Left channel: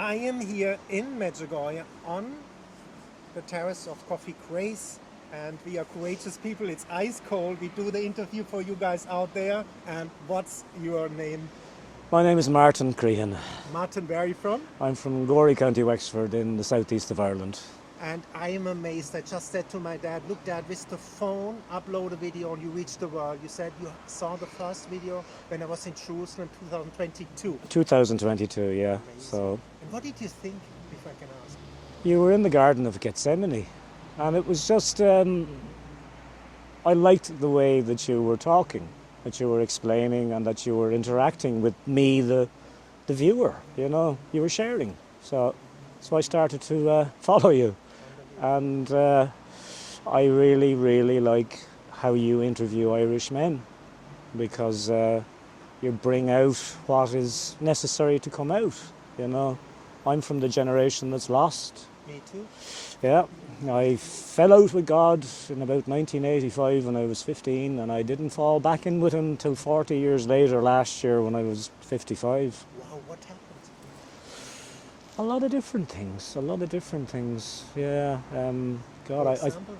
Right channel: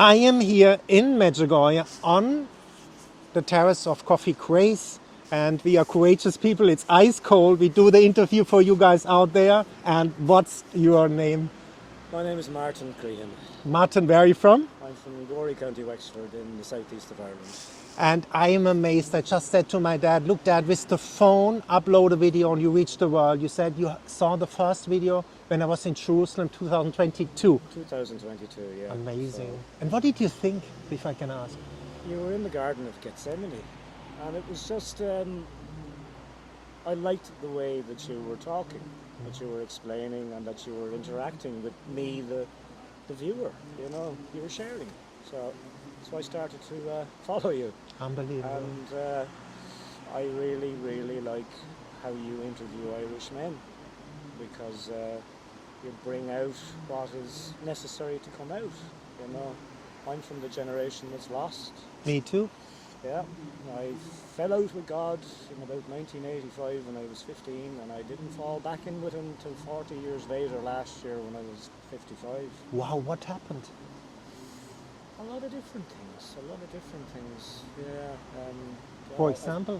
I am here in Medjugorje on the terrace of Coffee Craze, and we are courageous people. It's ice cold. We do the interview for you guys out there. And what's your name? My name is Martin Crehan. Martin, where are you from? I'm from Gorey, County Wexford in the southeast of Ireland. And I am amazed. I just said to my dad, look, Dad, with the phone, upload a video and you reach the world. You said you saw the first video when I was in Jerusalem 2022. 2022, yeah. Amazing. So And what did you think, if I can ask? you were in the Garden of Gethsemane, and it was just, I liked the way that you were talking, that you were explaining and that you were interacting with me, the viewer, you know, you were sharing. So I started to follow you. Unbelievable. And I really, really like how you interview Irish men, because you bring out what is necessary to come out, you know. I'm from the generation that's lost. Me too. Yeah, I fell out with God in about 1985 when I was 15, and I didn't fall back in with him until 40 years later last year when I was 55. Wow, what happened? A lot of different things, yeah. God, For example?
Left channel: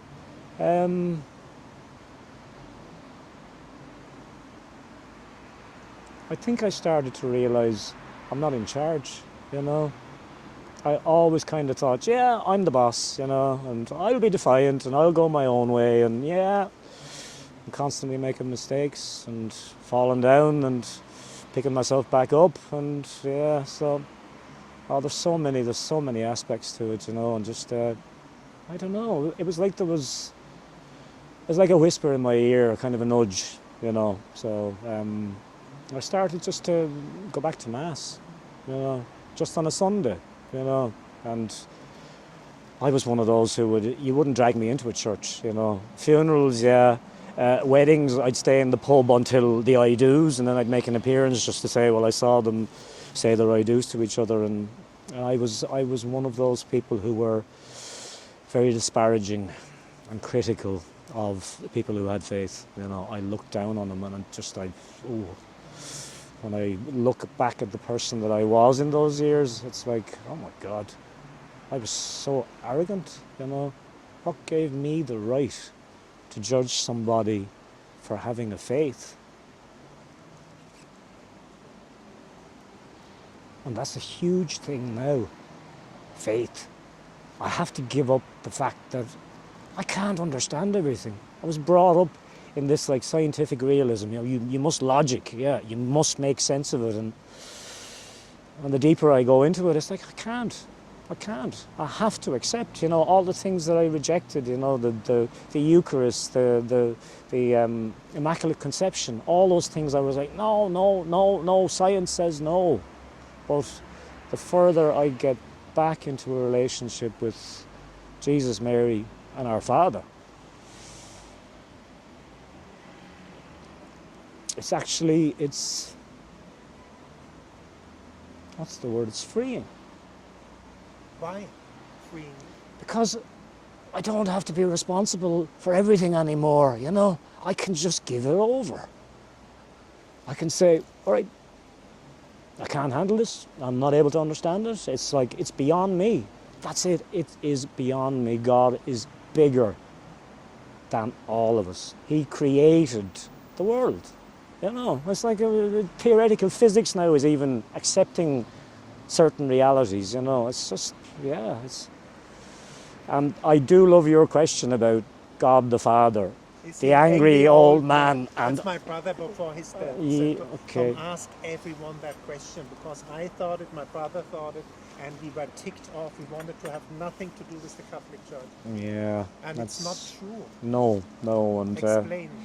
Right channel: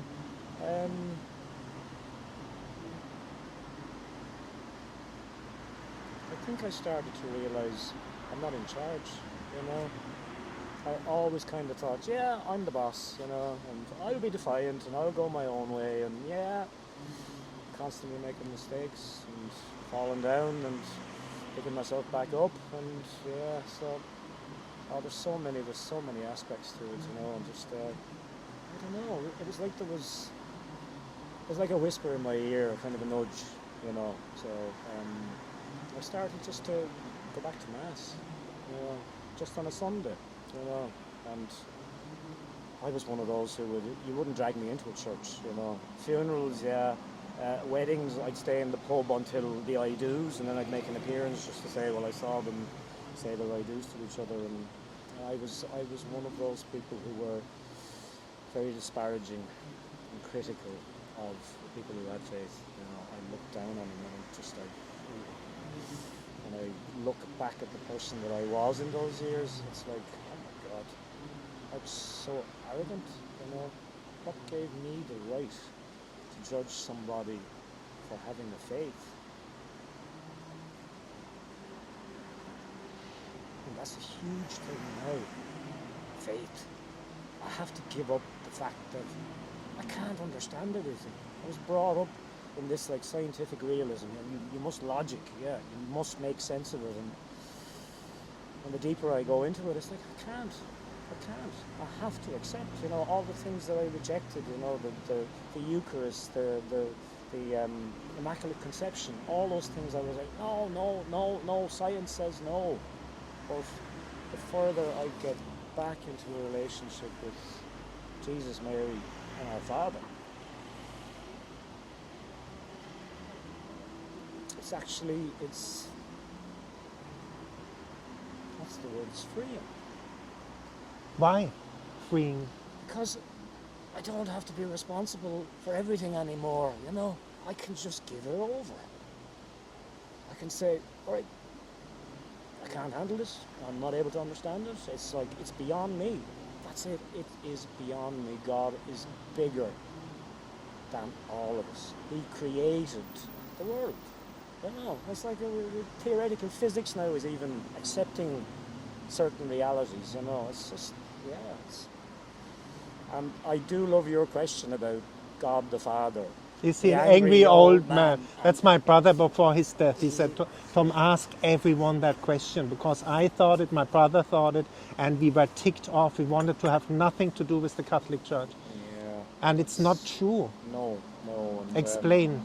I think I started to realise I'm not in charge, you know. I always kind of thought, yeah, I'm the boss, you know, and I'll be defiant and I'll go my own way, and yeah, I'm constantly making mistakes and falling down and picking myself back up, and yeah, so there's so many aspects to it, you know, and just I don't know, it was like a whisper in my ear, kind of a nudge, you know. So I started just to go back to Mass, you know, just on a Sunday, you know, and I was one of those who you wouldn't drag me into a church, you know. Funerals, yeah. Weddings, I'd stay in the pub until the I do's, and then I'd make an appearance just to say, well, I saw them say their I do's to each other, and I was one of those people who were very disparaging and critical of people who had faith. You know, I looked down on them, and when I look back at the person that I was in those years, it's like, oh my God, I was so arrogant, you know. What gave me the right to judge somebody for having a faith? And that's a huge thing now, faith. I have to give up the fact that I can't understand everything. I was brought up in this like scientific realism, you know, you must logic, yeah, you must make sense of it, and the deeper I go into it, it's like, I can't. I have to accept, you know, all the things that I rejected, you know, the Eucharist, the Immaculate Conception, all those things I was like, no, science says no. But the further I get back into a relationship with Jesus, Mary, and our Father, it's what's the word? It's freeing. Why freeing? Because I don't have to be responsible for everything anymore, you know. I can just give it over. I can say, all right, I can't handle this. I'm not able to understand it. It's like, it's beyond me. That's it. It is beyond me. God is bigger than all of us. He created the world. You know, it's like theoretical physics now is even accepting certain realities, you know. It's just, yeah. And I do love your question about God the Father. The angry old man. That's my brother before his death. He said, Tom, okay. ask everyone that question, because I thought it, my brother thought it, and we were ticked off. We wanted to have nothing to do with the Catholic Church. Yeah. And it's not true. No. And, Explain.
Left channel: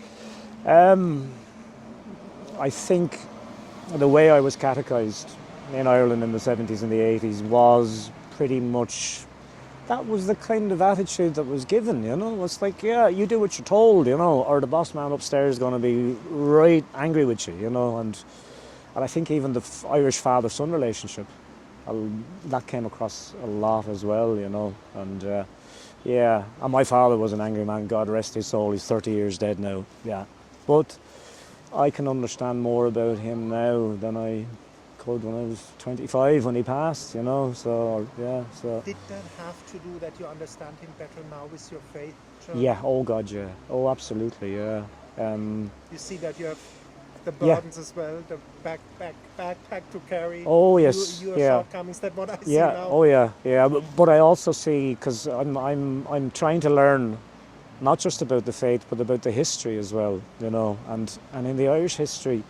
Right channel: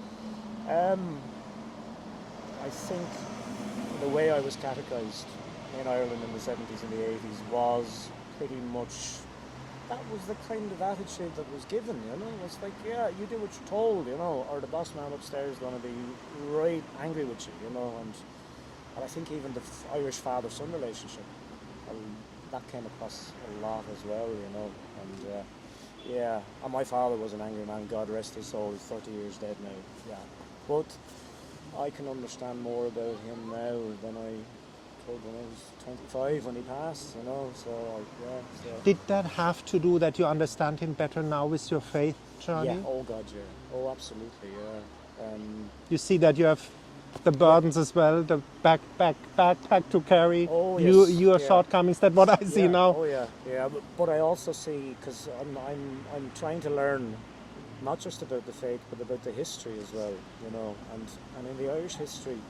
I think the way I was catechized in Ireland in the 70s and the 80s was pretty much, that was the kind of attitude that was given, you know. It's like, yeah, you do what you're told, you know, or the boss man upstairs is going to be right angry with you, you know. And I think even the Irish father-son relationship, that came across a lot as well, you know. And yeah, and my father was an angry man, God rest his soul, he's 30 years dead now, yeah. But I can understand more about him now than I could when I was 25 when he passed, you know. So yeah, so Did that have to do that you understand him better now with your faith journey? yeah. Oh God, yeah. Oh, absolutely, yeah. You see that you have the Yeah. burdens as well, the backpack to carry. Oh yes, your yeah. shortcomings. That's what I see Yeah. now. Oh yeah. Yeah. But I also see, because I'm trying to learn not just about the faith but about the history as well. You know, and in the Irish history,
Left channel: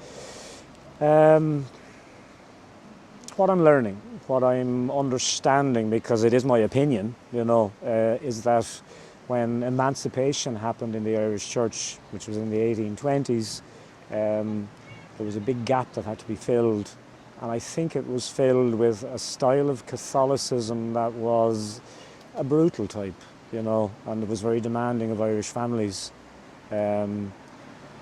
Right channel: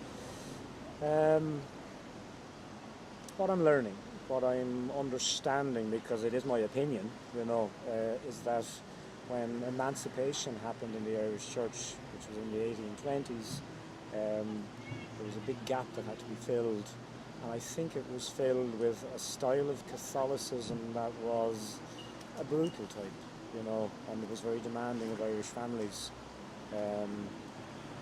what I'm learning, what I'm understanding, because it is my opinion, you know, is that when emancipation happened in the Irish Church, which was in the 1820s, there was a big gap that had to be filled. And I think it was filled with a style of Catholicism that was a brutal type, you know, and it was very demanding of Irish families. And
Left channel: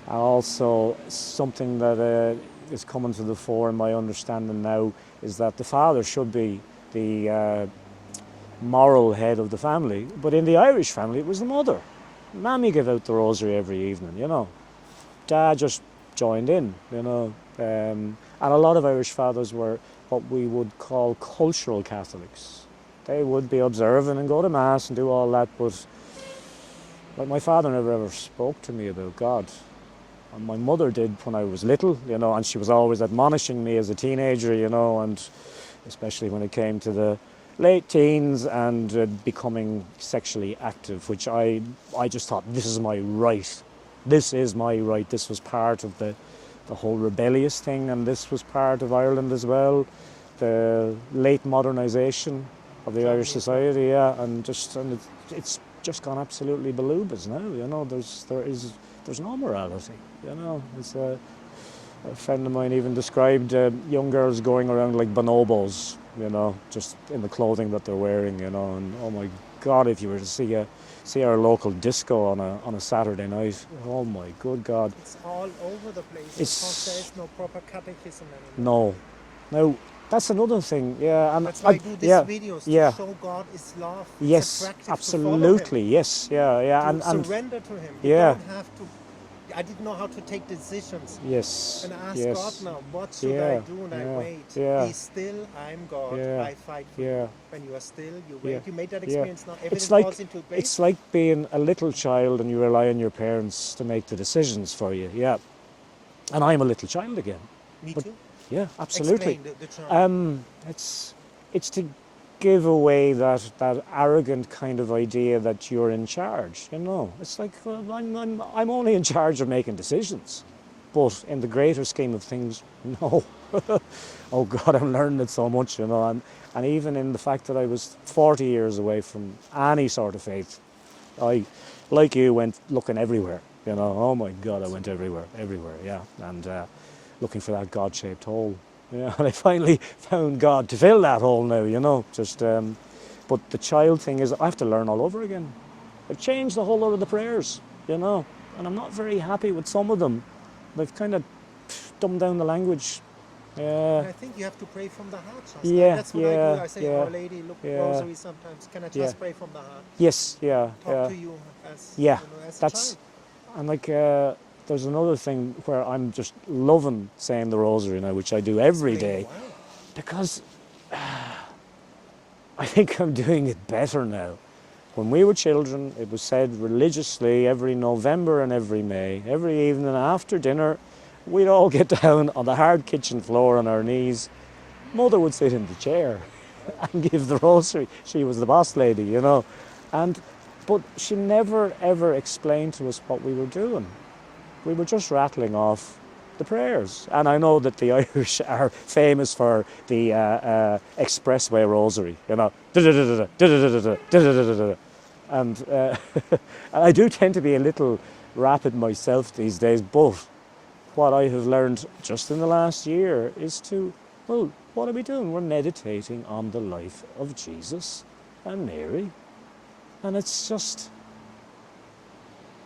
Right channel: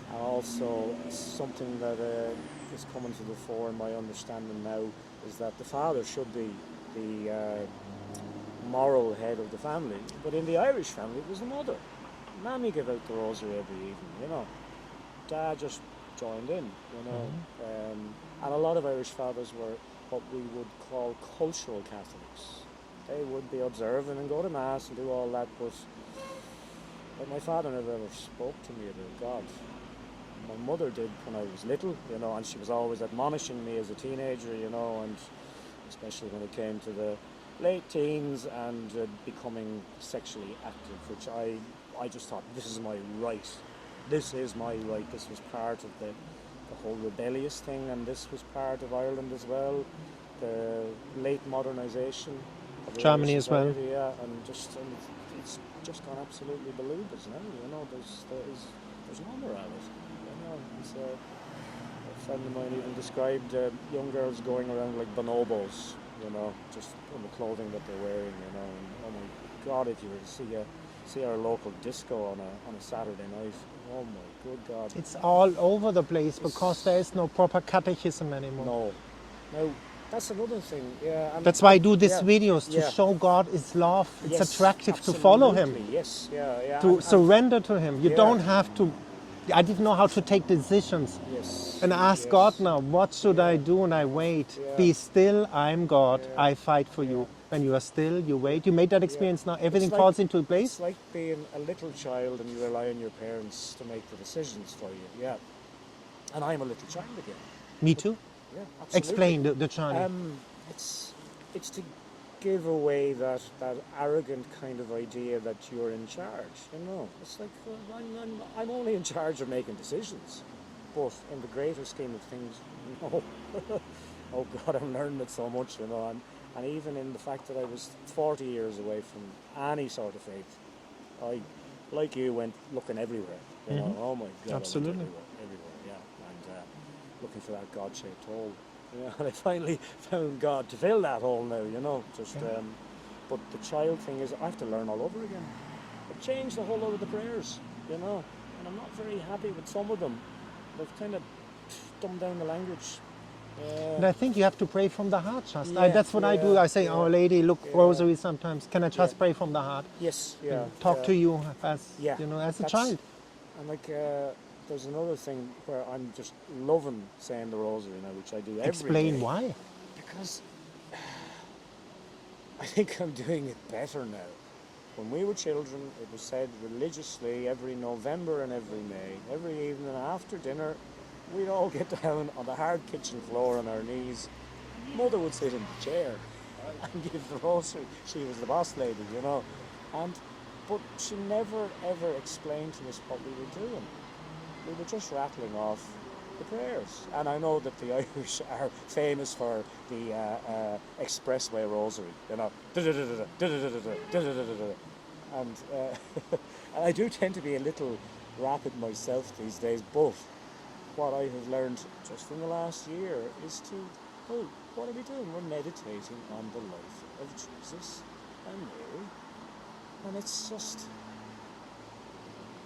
also something that is coming to the fore in my understanding now is that the father should be the moral head of the family, but in the Irish family it was the mother. Mammy gave out the rosary every evening, you know. Dad just joined in, you know. And a lot of Irish fathers were what we would call cultural Catholics. They would be observant and go to Mass and do all that, but like my father never ever spoke to me about God. And my mother did when I was little, you know, and she was always admonishing me as a teenager, you know, and especially when it came to the late teens and becoming sexually active, which I just thought, this is my right. This is my right. This was part of the whole rebellious thing, and this was part of Ireland as well. The late modernisation of the Germany Irish as well. society, yeah, and it's just gone absolutely balubas now. You know, there's no morality. You know, it's a friend of mine even described young girls going around like bonobos. You know, just in the clothing that they're wearing. You know, and oh my God, if you were to see our local disco on a Saturday night, oh my good God. It's all over the place It's- because there is no proper catechism anymore. No. Now, that's another thing, yeah. And That's why I do these yeah, videos, to yeah. show God is love. Yes, It's attractive absolutely, to follow him, yes, yeah. to and surrender to him. You yeah. don't have to. I didn't know how to take decisions yes. and ask yes, God now, what should I yeah, do? And I yeah, wait. yeah. Be still, I'm God. Yeah, I fight for yeah. you. When you are still, you wait. Yeah, You made that yeah. experience now. Everything It's like- falls into place. It's like being a little child and you rely on your parents to make the decisions for you, yeah. And I'm a little child again. Me too. Yeah, absolutely. Explain the child. It's to give away that arrogant kind of idea that you're in charge. You know, it's like, well, I'm only in charge of making decisions, but in the greater scheme of things, no. Oh God, I'm learning it so much. You know, and even in the fact that I was 40 years away from any sort of faith, I, like you, went looking everywhere. You know, oh my God, Absolutely. I went everywhere, yeah, and looking for that God-shaped hole. Yeah, and I finally found God to fill that hole now. You know, just. But the child thing is, I have to learn all over again. I've changed a whole lot of the prayers, you know, and I'm not very happy with some of them. They've kind of dumbed down the language. And I think you have to pray from the heart, just Yeah, that's what I do. yeah, I say, yeah, Our Lady, look, yeah. rosary sometimes. Can I just Yeah. pray from the heart? Yes, yeah. Talk yeah. to you as, Yeah, you know, as a that's- child. And like, there's another thing where I'm just loving saying the rosary now, which I do every Explain day. why. Because I think I'm doing it better now. When we were children, it was said religiously every November and every May. Every evening after dinner, we'd all get down on the hard kitchen floor on our knees. Mother would sit in the chair and give the rosary. She was the boss lady, you know. But she never ever explained to us what we were doing. We were just rattling off the prayers. And I know that the Irish are famous for the expressway rosary, you know. And I do tend to be a little rapid myself these days, but what I have learned just in the last year is to, well, what are we doing? We're meditating on the life of Jesus and Mary. And it's just,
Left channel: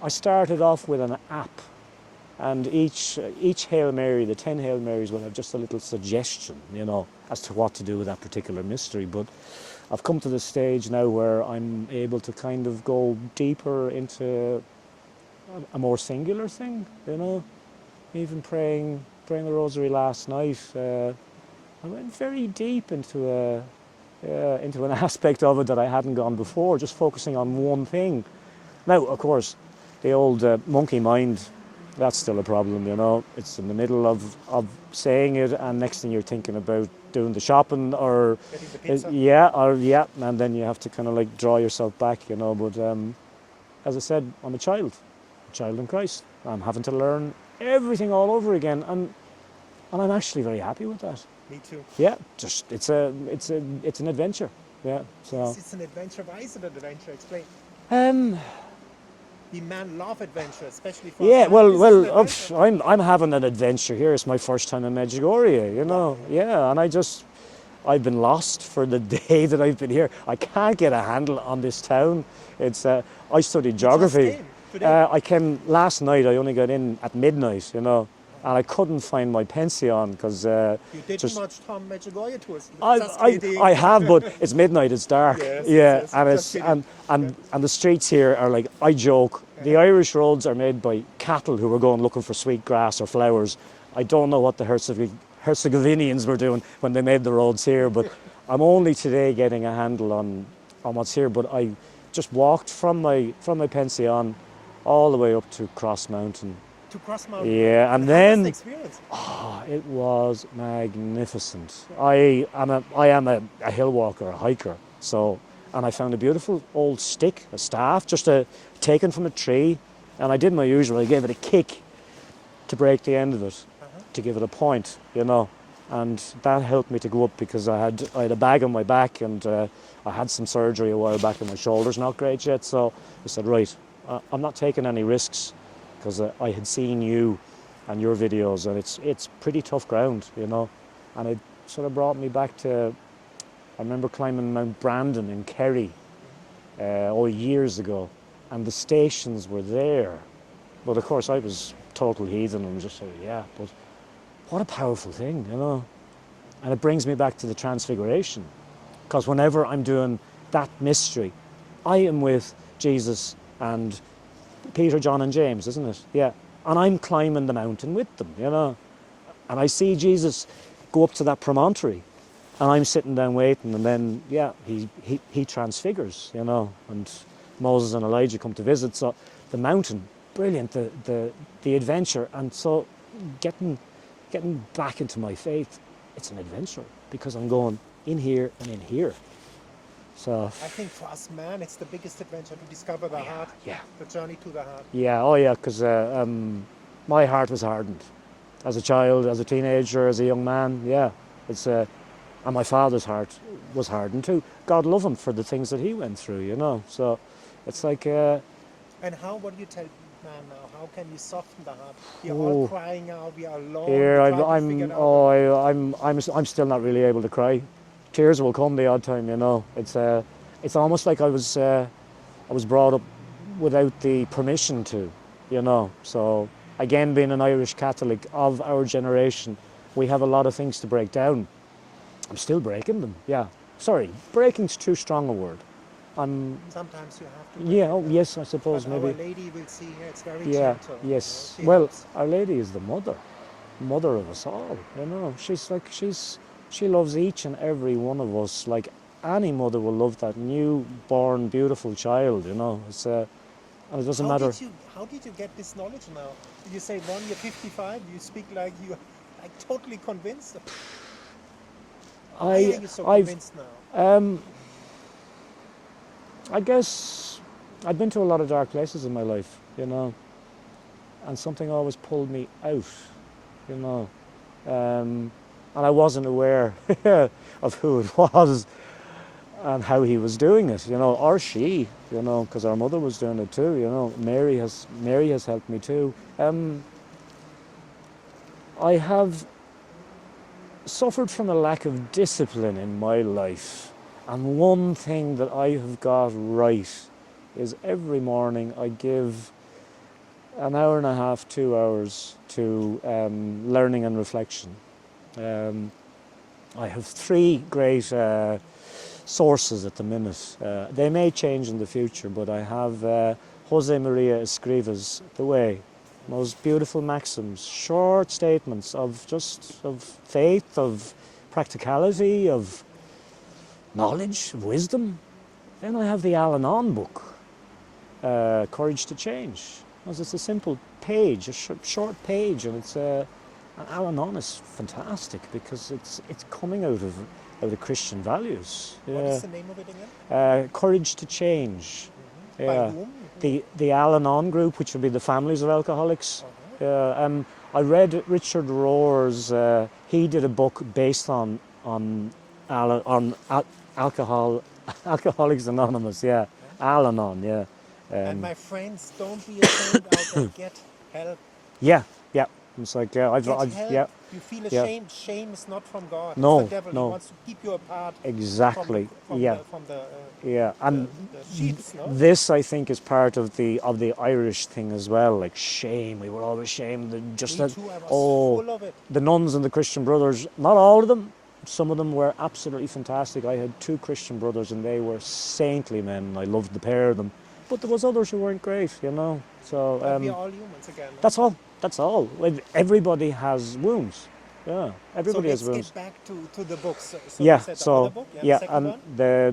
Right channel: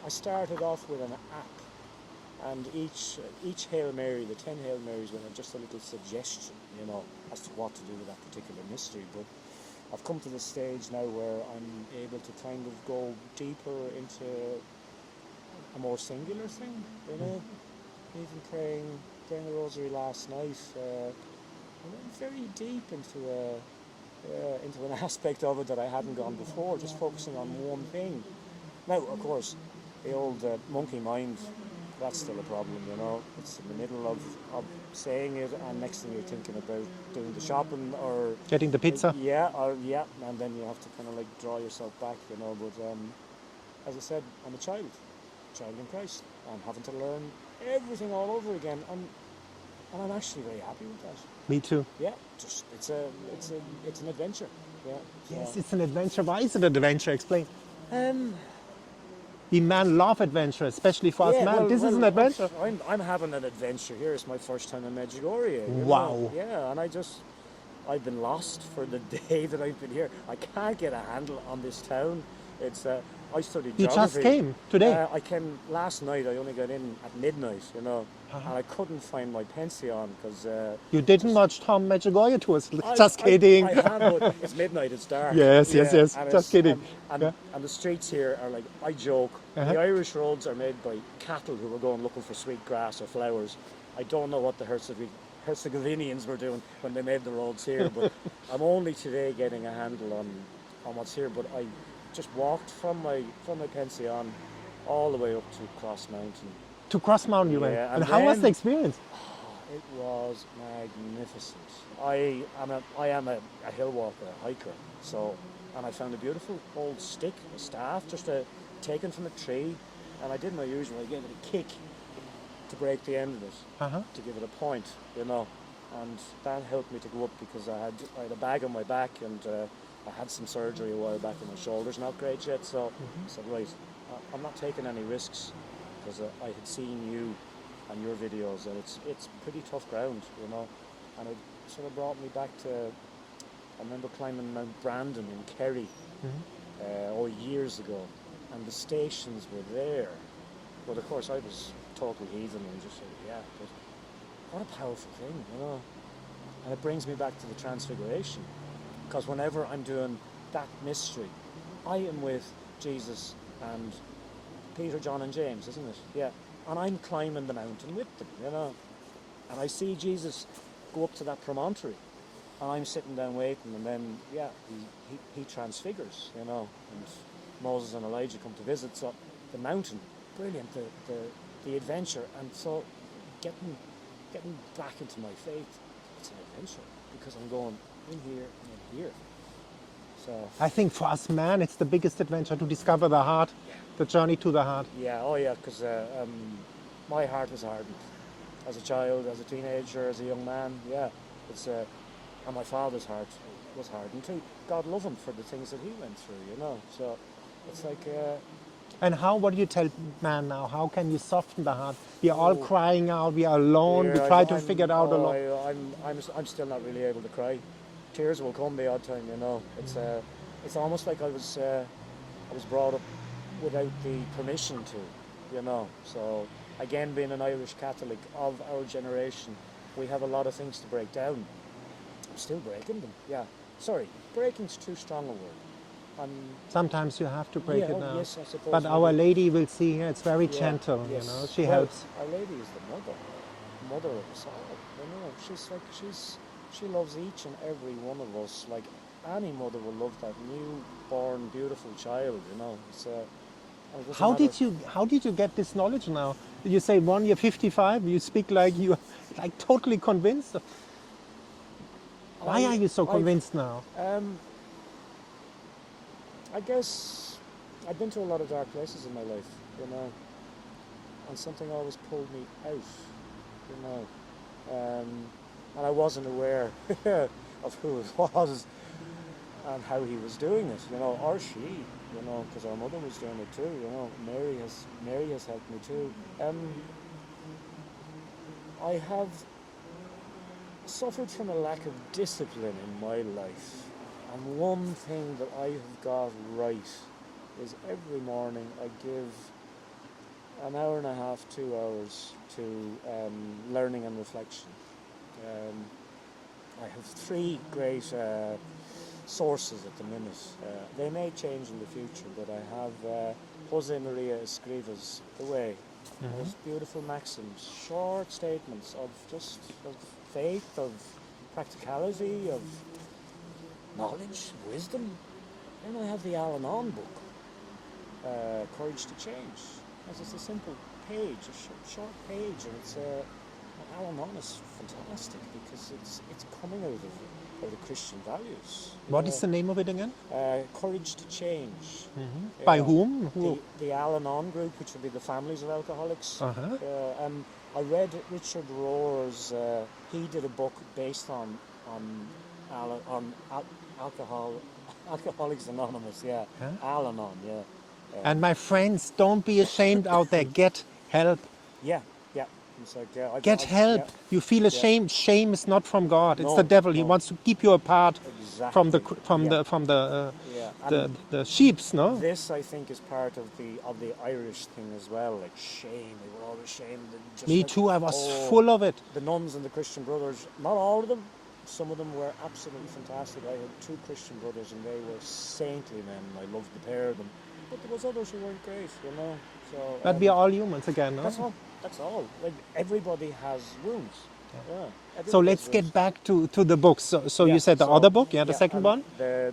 I started off with an app, and each Hail Mary, the 10 Hail Marys, will have just a little suggestion, you know, as to what to do with that particular mystery. But I've come to the stage now where I'm able to kind of go deeper into a more singular thing, you know. Even praying the rosary last night, I went very deep into an aspect of it that I hadn't gone before, just focusing on one thing. Now, of course, the old monkey mind, that's still a problem, you know. It's in the middle of saying it, and next thing you're thinking about doing the shopping or... Getting the pizza? Yeah, and then you have to kind of like draw yourself back, you know. But as I said, I'm a child in Christ. I'm having to learn everything all over again, and I'm actually very happy with that. Me too. Yeah, just it's an adventure. Yeah, so. It's an adventure. Why is it an adventure? Explain. Um, We men love adventure, especially for us Yeah, men. This is an adventure. I'm having an adventure here. It's my first time in Medjugorje, you know. Wow. Yeah, and I've been lost for the day that I've been here. I can't get a handle on this town. It's I studied geography. You just came today. I came last night. I only got in at midnight, you know, and I couldn't find my pension because You didn't watch Tom Medjugorje to us. Just kidding. I have, but it's midnight. It's dark. Yes. And Just kidding. And the streets here are like, I joke, the Irish roads are made by cattle who were going looking for sweet grass or flowers. I don't know what the Herzegovinians were doing when they made the roads here, but I'm only today getting a handle on what's here. But I just walked from my pension all the way up to Cross Mountain. To Cross Mountain. Yeah, and how then was the experience? it was magnificent. I am a hill walker, a hiker. So, and I found a beautiful old stick, a staff, just taken from a tree, and I did my usual. I gave it a kick to break the end of it, to give it a point, you know, and that helped me to go up because I had a bag on my back, and I had some surgery a while back on my shoulders, not great yet. So I said, right, I'm not taking any risks, because I had seen you and your videos, and it's pretty tough ground, you know, and it sort of brought me back to, I remember climbing Mount Brandon in Kerry years ago, and the stations were there, but of course I was total heathen and just said, yeah, but what a powerful thing, you know, and it brings me back to the Transfiguration, because whenever I'm doing that mystery, I am with Jesus and Peter, John and James, isn't it? Yeah. And I'm climbing the mountain with them, you know. And I see Jesus go up to that promontory, and I'm sitting down waiting, and then, yeah, he transfigures, you know, and Moses and Elijah come to visit. So the mountain, brilliant, the adventure. And so getting back into my faith, it's an adventure, because I'm going in here and in here. So I think for us men, it's the biggest adventure to discover the heart, the journey to the heart. Yeah, oh yeah, because my heart was hardened as a child, as a teenager, as a young man. Yeah, it's and my father's heart was hardened too. God love him for the things that he went through, you know. So it's like. And what do you tell man now? How can you soften the heart? We are all crying out. We are alone. We try to figure it out. I'm still not really able to cry. Tears will come the odd time, you know. It's almost like I was brought up without the permission to, you know. So again, being an Irish Catholic of our generation, we have a lot of things to break down. I'm still breaking them. Yeah, sorry, breaking's too strong a word. Sometimes you have to break it down. Yes, I suppose. But Our Lady will see here. It's very gentle. Yes, you know? She helps. Our Lady is the mother of us all. You know, she loves each and every one of us like any mother will love that newborn, beautiful child, you know. It's, and it doesn't matter. How did you get this knowledge now? Did you say you're 55, you speak like you're like totally convinced? Why are you so convinced now? I guess I've been to a lot of dark places in my life, you know, and something always pulled me out, you know. And I wasn't aware of who it was and how he was doing it, you know, or she, you know, because our mother was doing it too, you know. Mary has helped me too. I have suffered from a lack of discipline in my life, and one thing that I have got right is every morning I give an hour and a half, 2 hours to learning and reflection. I have 3 great sources at the minute. They may change in the future, but I have Jose Maria Escriva's The Way. Those beautiful maxims, short statements of faith, of practicality, of knowledge, of wisdom. Then I have the Al-Anon book, Courage to Change. Because it's a simple page, a short page, and it's Al-Anon is fantastic because it's coming out of Christian values. What is the name of it again? Courage to Change. By whom? The Al-Anon group, which would be the families of alcoholics. I read Richard Rohr's. He did a book based on Alcoholics Anonymous. Yeah, Al-Anon. Yeah. And my friends, don't be ashamed out there. Get help. Yeah. It's like Get help. Yeah. You feel ashamed. Shame is not from God. No, it's the devil. no. He wants to keep you apart Exactly. from the sheeps. No. This, I think, is part of the Irish thing as well. Like shame, we were always shamed. Me too. I was full of it. The nuns and the Christian brothers. Not all of them. Some of them were absolutely fantastic. I had 2 Christian brothers, and they were saintly men. I loved the pair of them. But there was others who weren't great, you know. So But we are all humans again. No? That's all. Everybody has wounds. Yeah. Everybody So has let's wounds. get back to the books. So Yeah, you said the so- other book, the second and one. The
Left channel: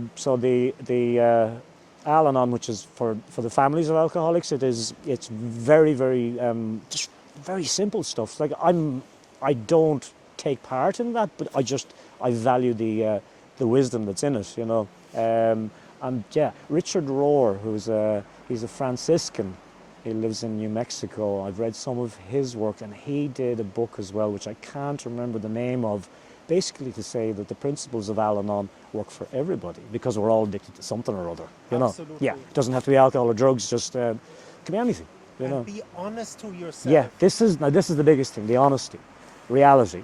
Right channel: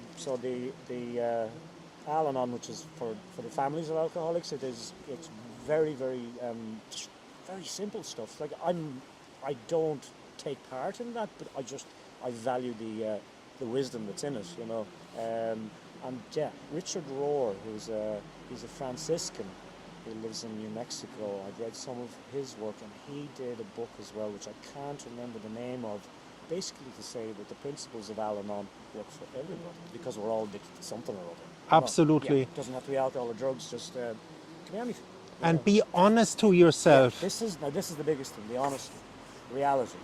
Al-Anon, which is for the families of alcoholics, it's very just very simple stuff. Like I don't take part in that, but I value the wisdom that's in it, you know. And yeah, Richard Rohr, he's a Franciscan. He lives in New Mexico. I've read some of his work, and he did a book as well, which I can't remember the name of, basically to say that the principles of Al-Anon work for everybody because we're all addicted to something or other. You know? Absolutely. Yeah, it doesn't have to be alcohol or drugs, just can be anything. you know? And be honest to Yeah, yourself. this is the biggest thing, the honesty. Reality.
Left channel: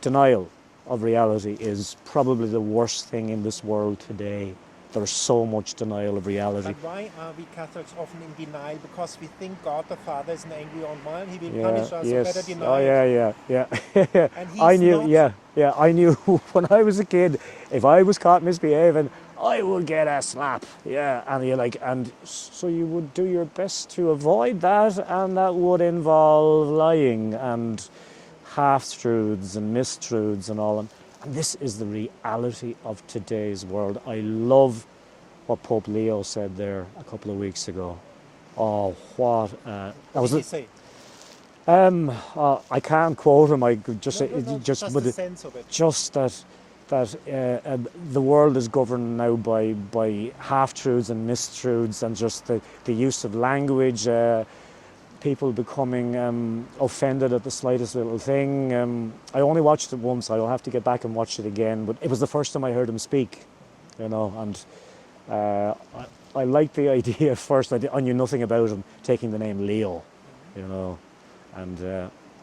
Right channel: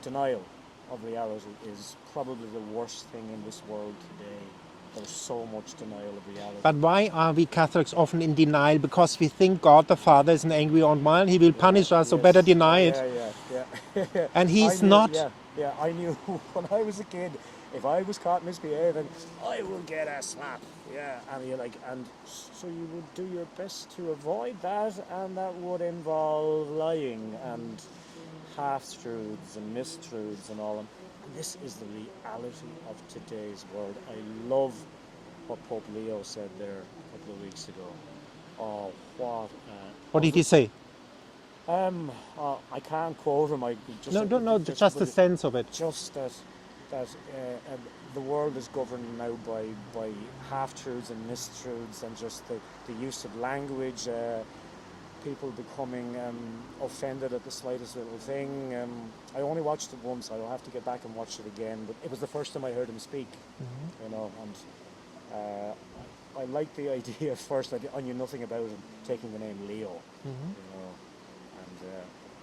Denial of reality is probably the worst thing in this world today. There's so much denial of reality. But why are we Catholics often in denial? Because we think God the Father is an angry old man. He will punish us, so yes. better deny it. Yeah. And I he's knew, not. Yeah, I knew when I was a kid, if I was caught misbehaving, I would get a slap. Yeah, and you're like, and so you would do your best to avoid that, and that would involve lying and half-truths and mistruths and all. And this is the reality of today's world. I love what Pope Leo said there a couple of weeks ago. Oh, what What did he say? I can't quote him. I could just No, just but the sense of it. just that the world is governed now by half-truths and mistruths, and just the use of language, people becoming offended at the slightest little thing. I only watched it once. I'll have to get back and watch it again, but it was the first time I heard him speak, you know, and I liked the idea at first. I knew nothing about him taking the name Leo, you know, and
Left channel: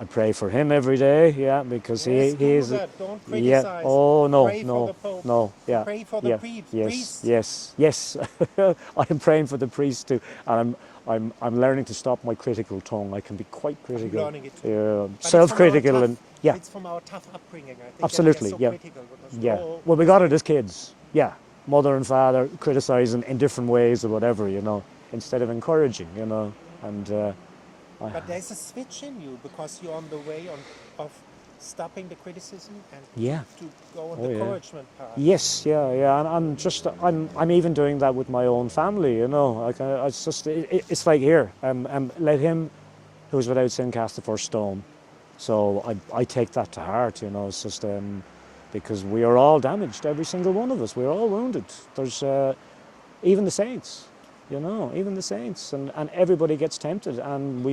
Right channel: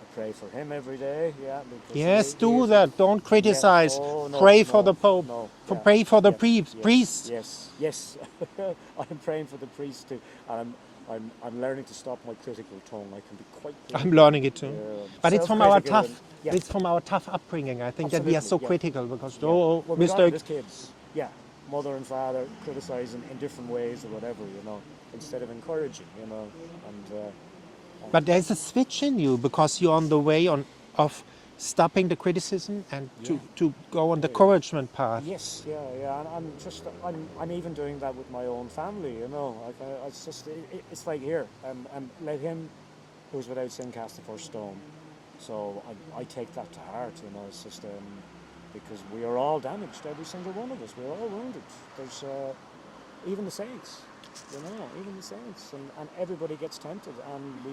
I pray for him every day, because Yes, do that. Don't criticize. Oh, no, Pray no, for the Pope. No, Pray for the yes, priests. Yes. I am praying for the priests too, and I'm learning to stop my critical tongue. I can be quite critical. I'm learning it too. But self-critical, it's it's from our tough upbringing. I think Absolutely, that we are so yeah. critical because Well, we got it as kids. Yeah, mother and father criticizing in different ways or whatever, you know, instead of encouraging, you know, and. But there's a switch in you because you're on the way of stopping the criticism and to go on the encouragement path. Yes, yeah, and I'm even doing that with my own family, you know. It's just it's like here, let him who is without sin cast the first stone. So I take that to heart, you know. It's just because we are all damaged, every single one of us. We're all wounded. There's even the saints. You know, even the saints, and everybody gets tempted, and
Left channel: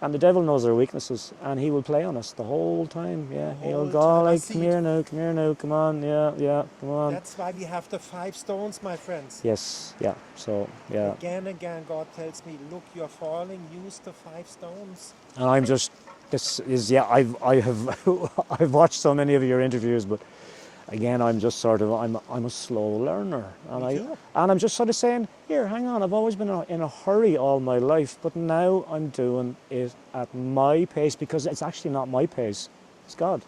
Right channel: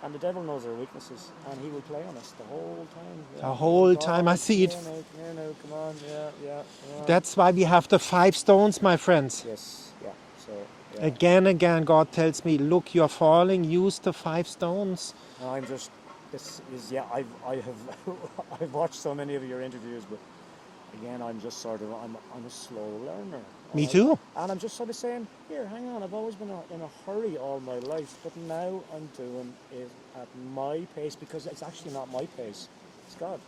and the devil knows our weaknesses, and he will play on us the whole time. Yeah, the whole time. I see it. Come here now, come on, come on. That's why we have the 5 stones, my friends. Yes, yeah. So Again, God tells me, look, you're falling. Use the 5 stones. And I'm just, this is I've watched so many of your interviews, but. Again, I'm just sort of, I'm a slow learner. Me too. And I'm just sort of saying, here, hang on, I've always been in a hurry all my life, but now I'm doing it at my pace, because it's actually not my pace, it's God.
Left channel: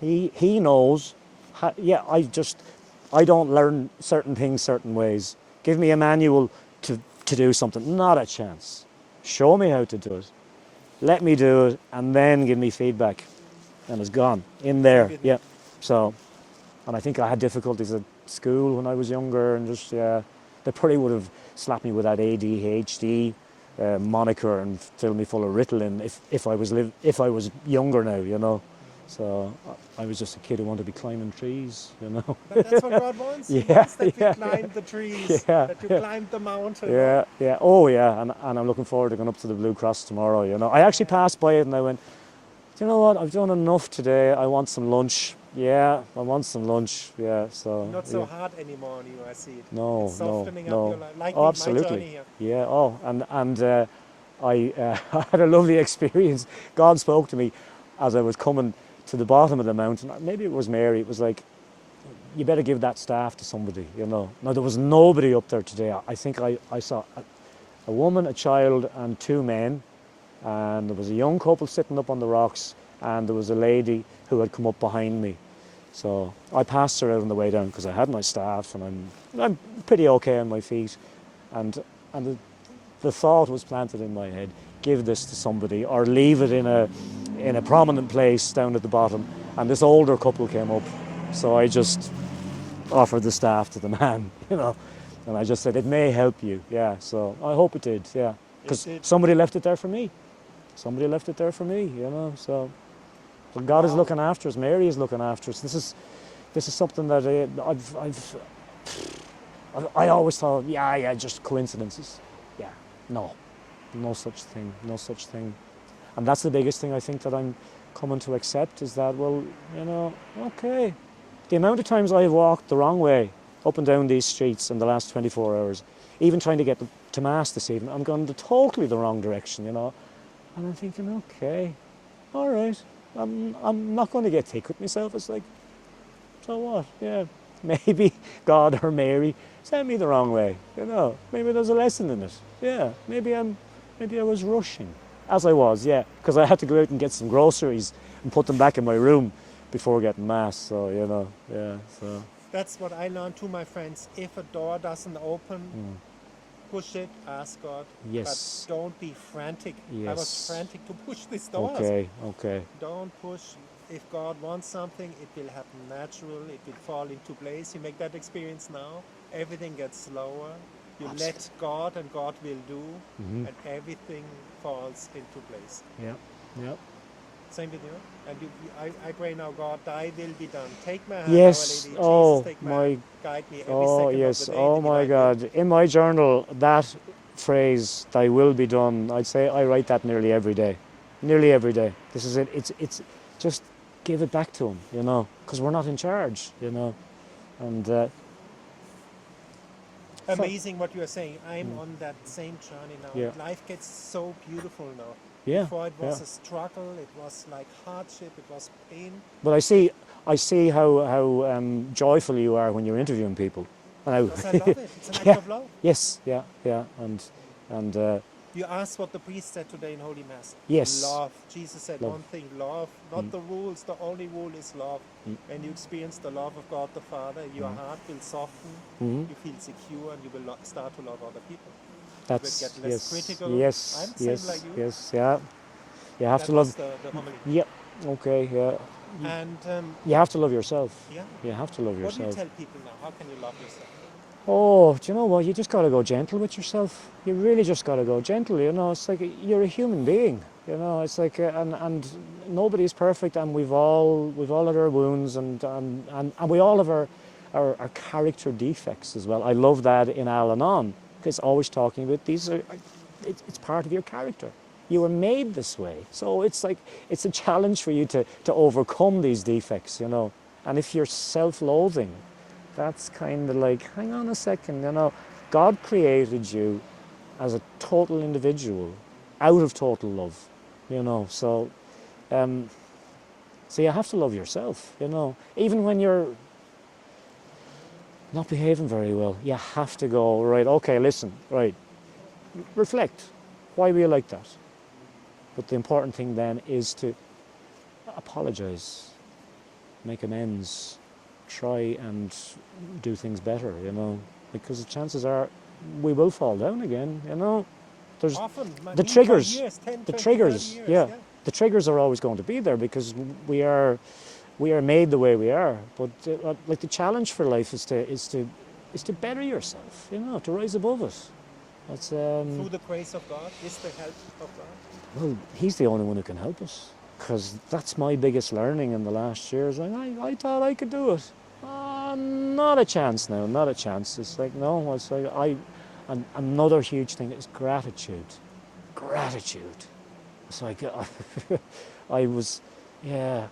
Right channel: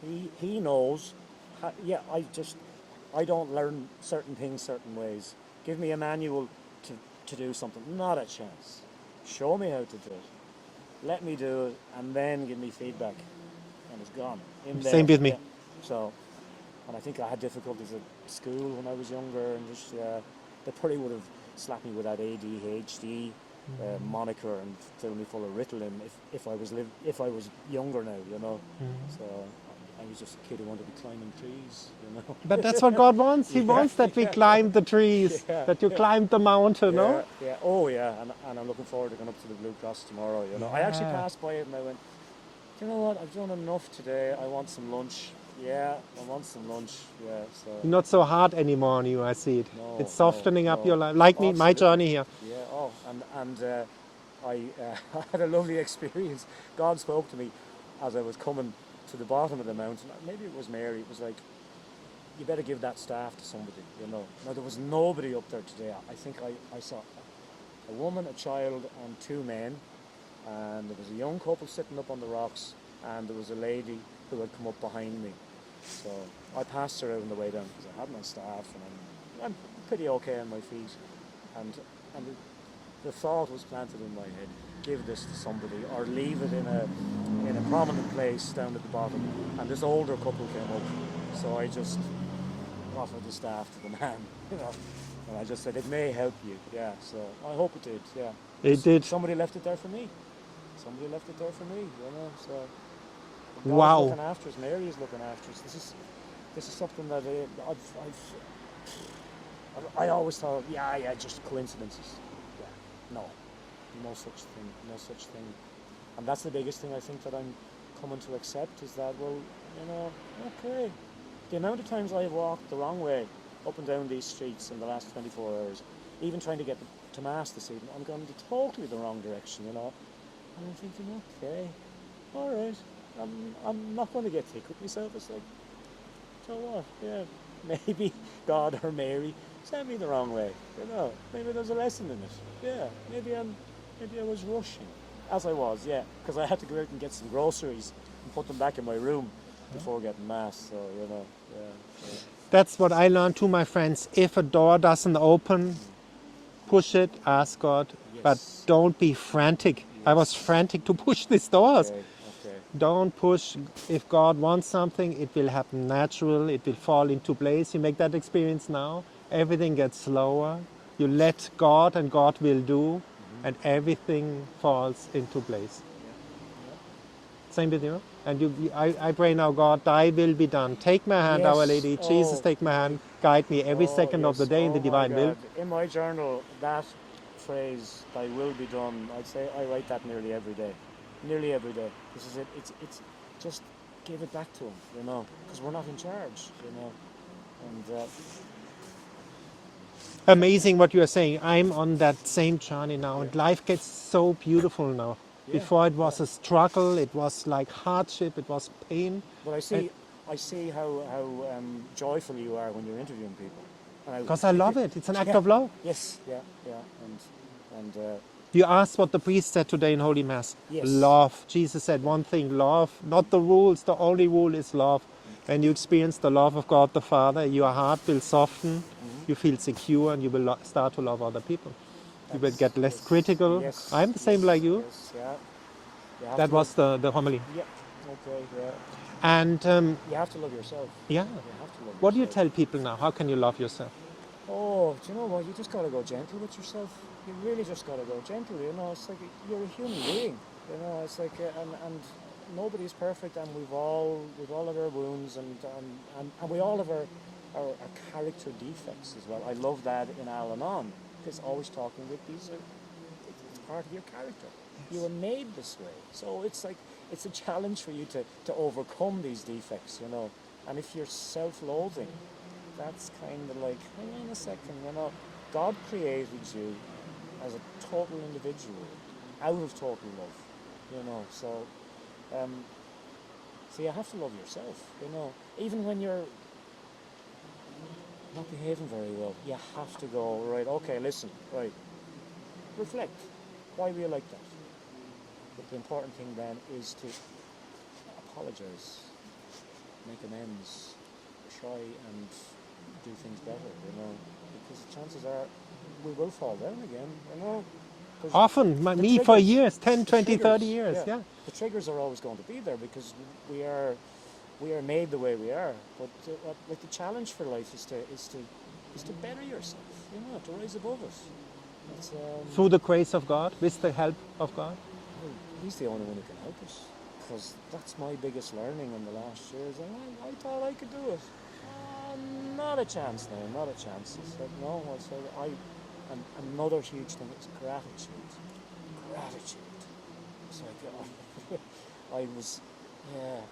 He knows, I don't learn certain things certain ways. Give me a manual to do something, not a chance. Show me how to do it. Let me do it, and then give me feedback. and it's gone in there. Same with me. Yeah. So, and I think I had difficulties at school when I was younger, and just they probably would have slapped me with that ADHD moniker and filled me full of Ritalin if I was younger now, you know. So I was just a kid who wanted to be climbing trees, you know. But that's what God wants. He Yeah, wants that we yeah. climb the trees, Yeah, that you climb the mountain. Yeah, No? yeah. Oh, yeah. And I'm looking forward to going up to the Blue Cross tomorrow, you know. I actually passed by it and I went, do you know what? I've done enough today. I want some lunch. Yeah, I want some lunch. Yeah, so. Not so yeah. hard anymore on you, I see it. No, It's softening up no. your life. Like Oh, me, my absolutely. journey here. Yeah. Oh, and I I had a lovely experience. God spoke to me as I was coming to the bottom of the mountain. Maybe it was Mary. It was like, you better give that staff to somebody, you know. Now, there was nobody up there today. I think I saw a woman, a child, and 2 men. And there was a young couple sitting up on the rocks, and there was a lady who had come up behind me. So I passed her out on the way down because I had my staff, and I'm pretty okay on my feet. And the thought was planted in my head: give this to somebody, or leave it in a prominent place down at the bottom. And this older couple came up, so I just offered the staff to the man, you know, and I just said, it may help you. Yeah, so I hope it did. Yeah, It did. Somebody left it there for me. Somebody left it there for me, you know. So God is Wow. looking after us. Mary is looking after us. This is something that I always thought, yeah, just coincidences. Yeah, no such thing. And that's the biggest thing I think that I'm coming to accept, is that, well, you know, okay, the amount of times I've walked the wrong way up and down these streets in the last 24 hours, even trying to get to Mass this evening, I'm going totally the wrong direction, you know. And I'm thinking, okay, all right, I'm not going to get thick with myself. It's like, so what? Yeah, maybe God or Mary sent me the wrong way, you know. Maybe there's a lesson in it. Yeah, maybe I was rushing, as I was, yeah, because I had to go out and get some groceries and put them back in my room before getting Mass. So, you know, yeah. So That's what I learned to my friends. If a door doesn't open, push it, ask God, Yes. but don't be frantic. I was Yes. frantic to push these doors. Okay. Don't push. If God wants something, it will happen natural. It will fall into place. You make that experience now. Everything gets slower. You let God, and God will do, and everything falls into place. Yeah. Same with you. And I pray now, God, thy will be done. Take my hand, Yes. Our Lady. Oh, Jesus, take my hand. Guide me every second of the day in the Oh my divine will. God! In my journal, that phrase "Thy will be done," I'd say I write that nearly every day. Nearly every day. This is it. It's just give it back to Him, you know, because we're not in charge, you know. And Amazing what you are saying. I'm on that same journey now. Yeah. Life gets so beautiful now. Yeah, Before it was yeah. a struggle, it was like hardship, it was pain. but I see how joyful you are when you're interviewing people. Because I love it. It's an act of love. Yes, yeah, and You asked what the priest said today in Holy Mass. Yes. Love. Jesus said one thing, love. Not the rules. The only rule is love. And you experience the love of God the Father. Your heart will soften. You feel secure, and you will start to love other people. You will get less critical. Yes, I'm the same like you. Yes, yeah. You have That to was love. the homily. Yeah. Okay. Yeah. And You have to love yourself. yeah, You have to love yourself. what do you tell people now? How can you love yourself? Oh, do you know what? You just got to go gentle with yourself. You really just got to go gentle. You know, it's like you're a human being. You know, it's like and nobody's perfect, and we've all had our wounds, and we all have our character defects as well. I love that in Al-Anon, because always talking about these are it's part of your character. You were made this way, so it's like it's a challenge for you to overcome these defects. You know, and if you're self-loathing, that's kind of like, hang on a second, you know, God created you as a total individual, out of total love, you know. So you have to love yourself, you know. Even when you're not behaving very well, you have to go, right, okay, listen, right, reflect. Why were you like that? But the important thing then is to apologize, make amends, try and do things better, you know, because the chances are we will fall down again, you know. there's Often, the me for triggers, years, 10, the 20, triggers, 30 years. yeah. Yeah. The triggers are always going to be there because we are made the way we are. But like the challenge for life is to better yourself, you know, to rise above it. That's Through the grace of God, with the help of God. well, He's the only one who can help us. Because that's my biggest learning in the last year. Is like I thought I could do it. Not a chance now. Not a chance. It's like no. It's like and another huge thing is gratitude. Gratitude. It's like I was, yeah.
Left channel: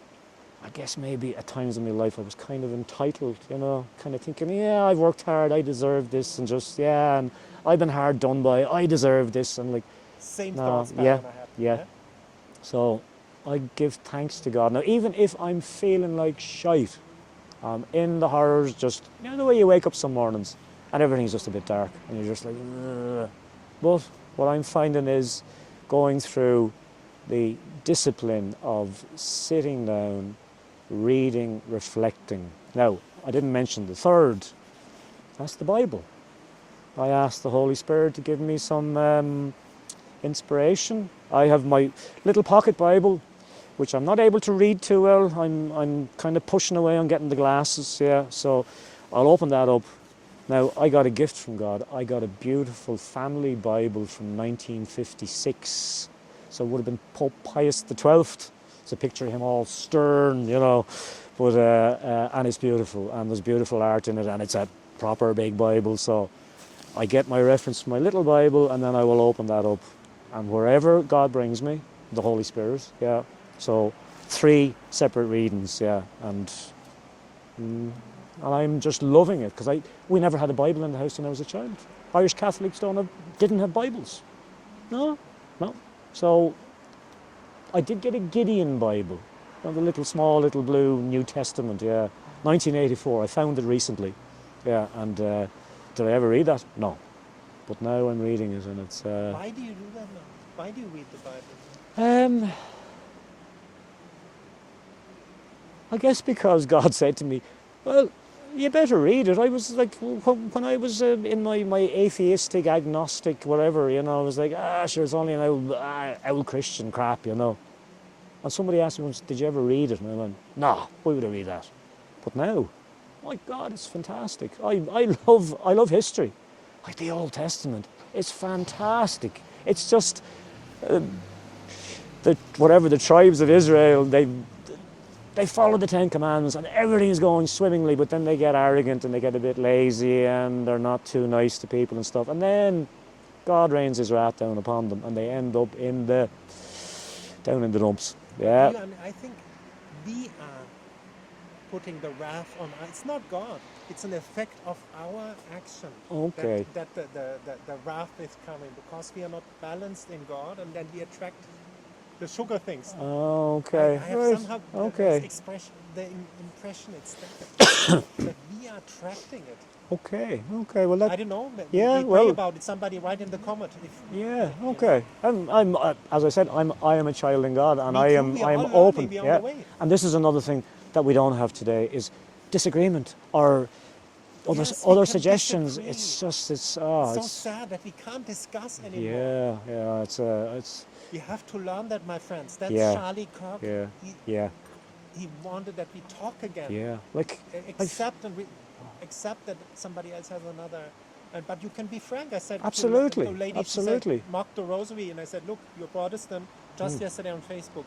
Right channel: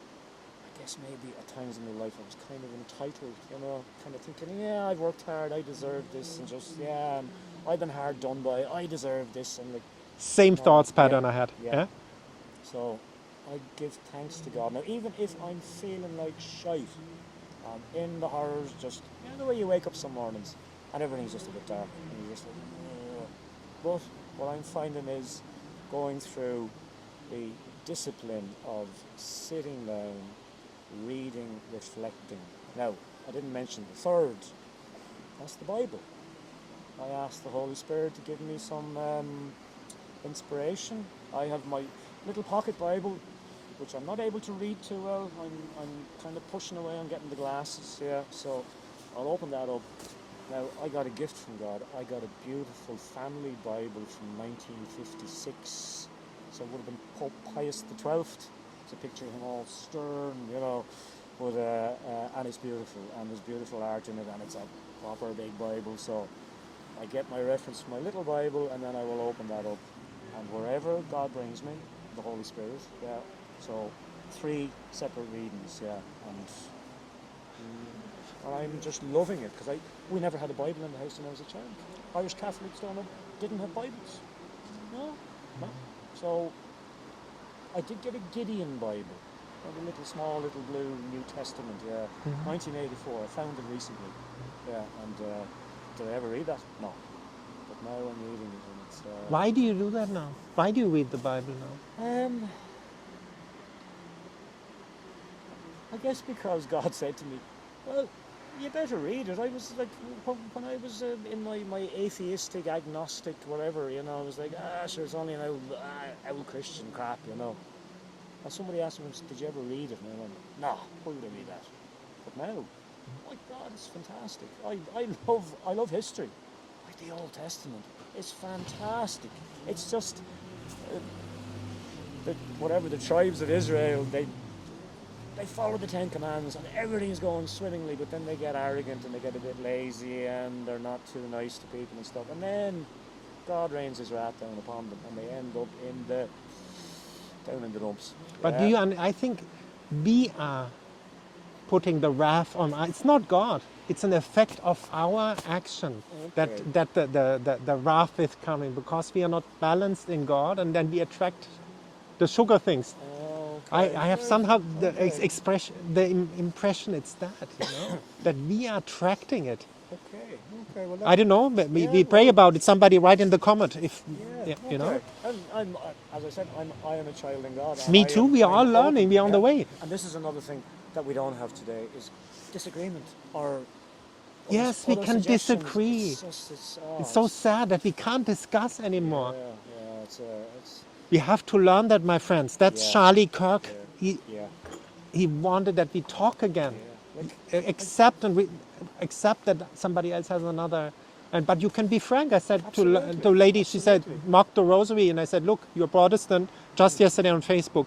I guess maybe at times in my life I was kind of entitled, you know, kind of thinking, yeah, I've worked hard, I deserve this, and just and I've been hard done by, I deserve this, and like Same no, thoughts pattern I had. yeah. So I give thanks to God. Now, even if I'm feeling like shite, I'm in the horrors, just, you know, the way you wake up some mornings and everything's just a bit dark and you're just like, ugh. But what I'm finding is going through the discipline of sitting down, reading, reflecting. Now, I didn't mention the third. That's the Bible. I asked the Holy Spirit to give me some inspiration. I have my little pocket Bible, which I'm not able to read too well. I'm kind of pushing away on getting the glasses, yeah. So I'll open that up. Now, I got a gift from God. I got a beautiful family Bible from 1956. So it would have been Pope Pius XII. It's a picture of him all stern, you know. But and it's beautiful, and there's beautiful art in it, and it's a proper big Bible. So I get my reference from my little Bible, and then I will open that up. And wherever God brings me, the Holy Spirit, yeah. So 3 separate readings, yeah, and I'm just loving it because we never had a Bible in the house when I was a child. Irish Catholics didn't have Bibles, no. So I did get a Gideon Bible, the small little blue New Testament, yeah, 1984. I found it recently, yeah, and did I ever read that? No, but now I'm reading it, and it's. Why do you do that now? Why do you read the Bible now? I guess because God said to me, well, you better read it. I was like, when I was in my atheistic, agnostic, whatever, you know, I was like, sure, it's only an old Christian crap, you know. And somebody asked me once, did you ever read it? And I went, no, why would I read that? But now, my God, it's fantastic. I love history. Like the Old Testament, it's fantastic. It's just, the tribes of Israel, they follow the 10 Commandments and everything is going swimmingly, but then they get arrogant and they get a bit lazy and they're not too nice to people and stuff. And then God rains his wrath down upon them and they end up down in the dumps. But I think we are putting the wrath on. It's not God. It's an effect of our action Okay. that the wrath is coming because we are not balanced in God, and then we attract the sugar things. Okay. I have Right. somehow the Okay. expression, impression it's that that we are attracting it. Okay. Well, I don't know. But Yeah, we pray well- about it. Somebody write in the comment if. Yeah. you Okay. know. I'm as I said, I am a child in God. And Me I too. am, We are I am all learning. open, We are on the way. And this is another thing that we don't have today is disagreement or Yes, we other can suggestions. disagree. It's just It's so sad that we can't discuss anymore. Yeah. It's We have to learn that, my friends. That's Yeah. Charlie Kirk. yeah. Yeah. He wanted that we talk again. Yeah. Like Accept that somebody else has another. But you can be frank. I said Absolutely. to a lady, she Absolutely. said, mock the rosary. And I said, look, you're Protestant, just yesterday on Facebook.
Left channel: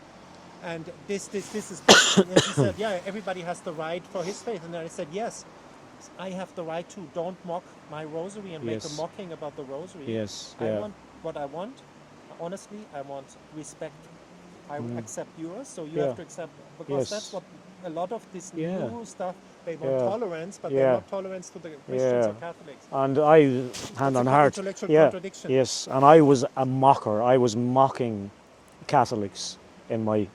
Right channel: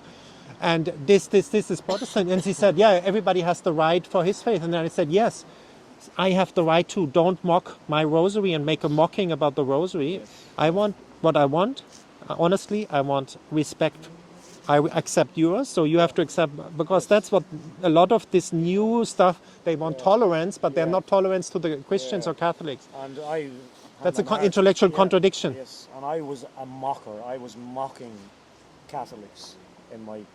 And this is Protestant. And she said, yeah, everybody has the right for his faith. And then I said, yes, I have the right to. Don't mock my rosary and make a Yes. mocking about the rosary. Yes, I yeah. want what I want. Honestly, I want respect. I accept yours, so you have Yeah. to accept, because Yes. that's what a lot of this new stuff, they want Yeah. tolerance, but they're Yeah. not tolerance to the Christians Yeah. or Catholics. And I That's hand a on heart, intellectual contradiction. Yes, and I was a mocker. I was mocking Catholics in my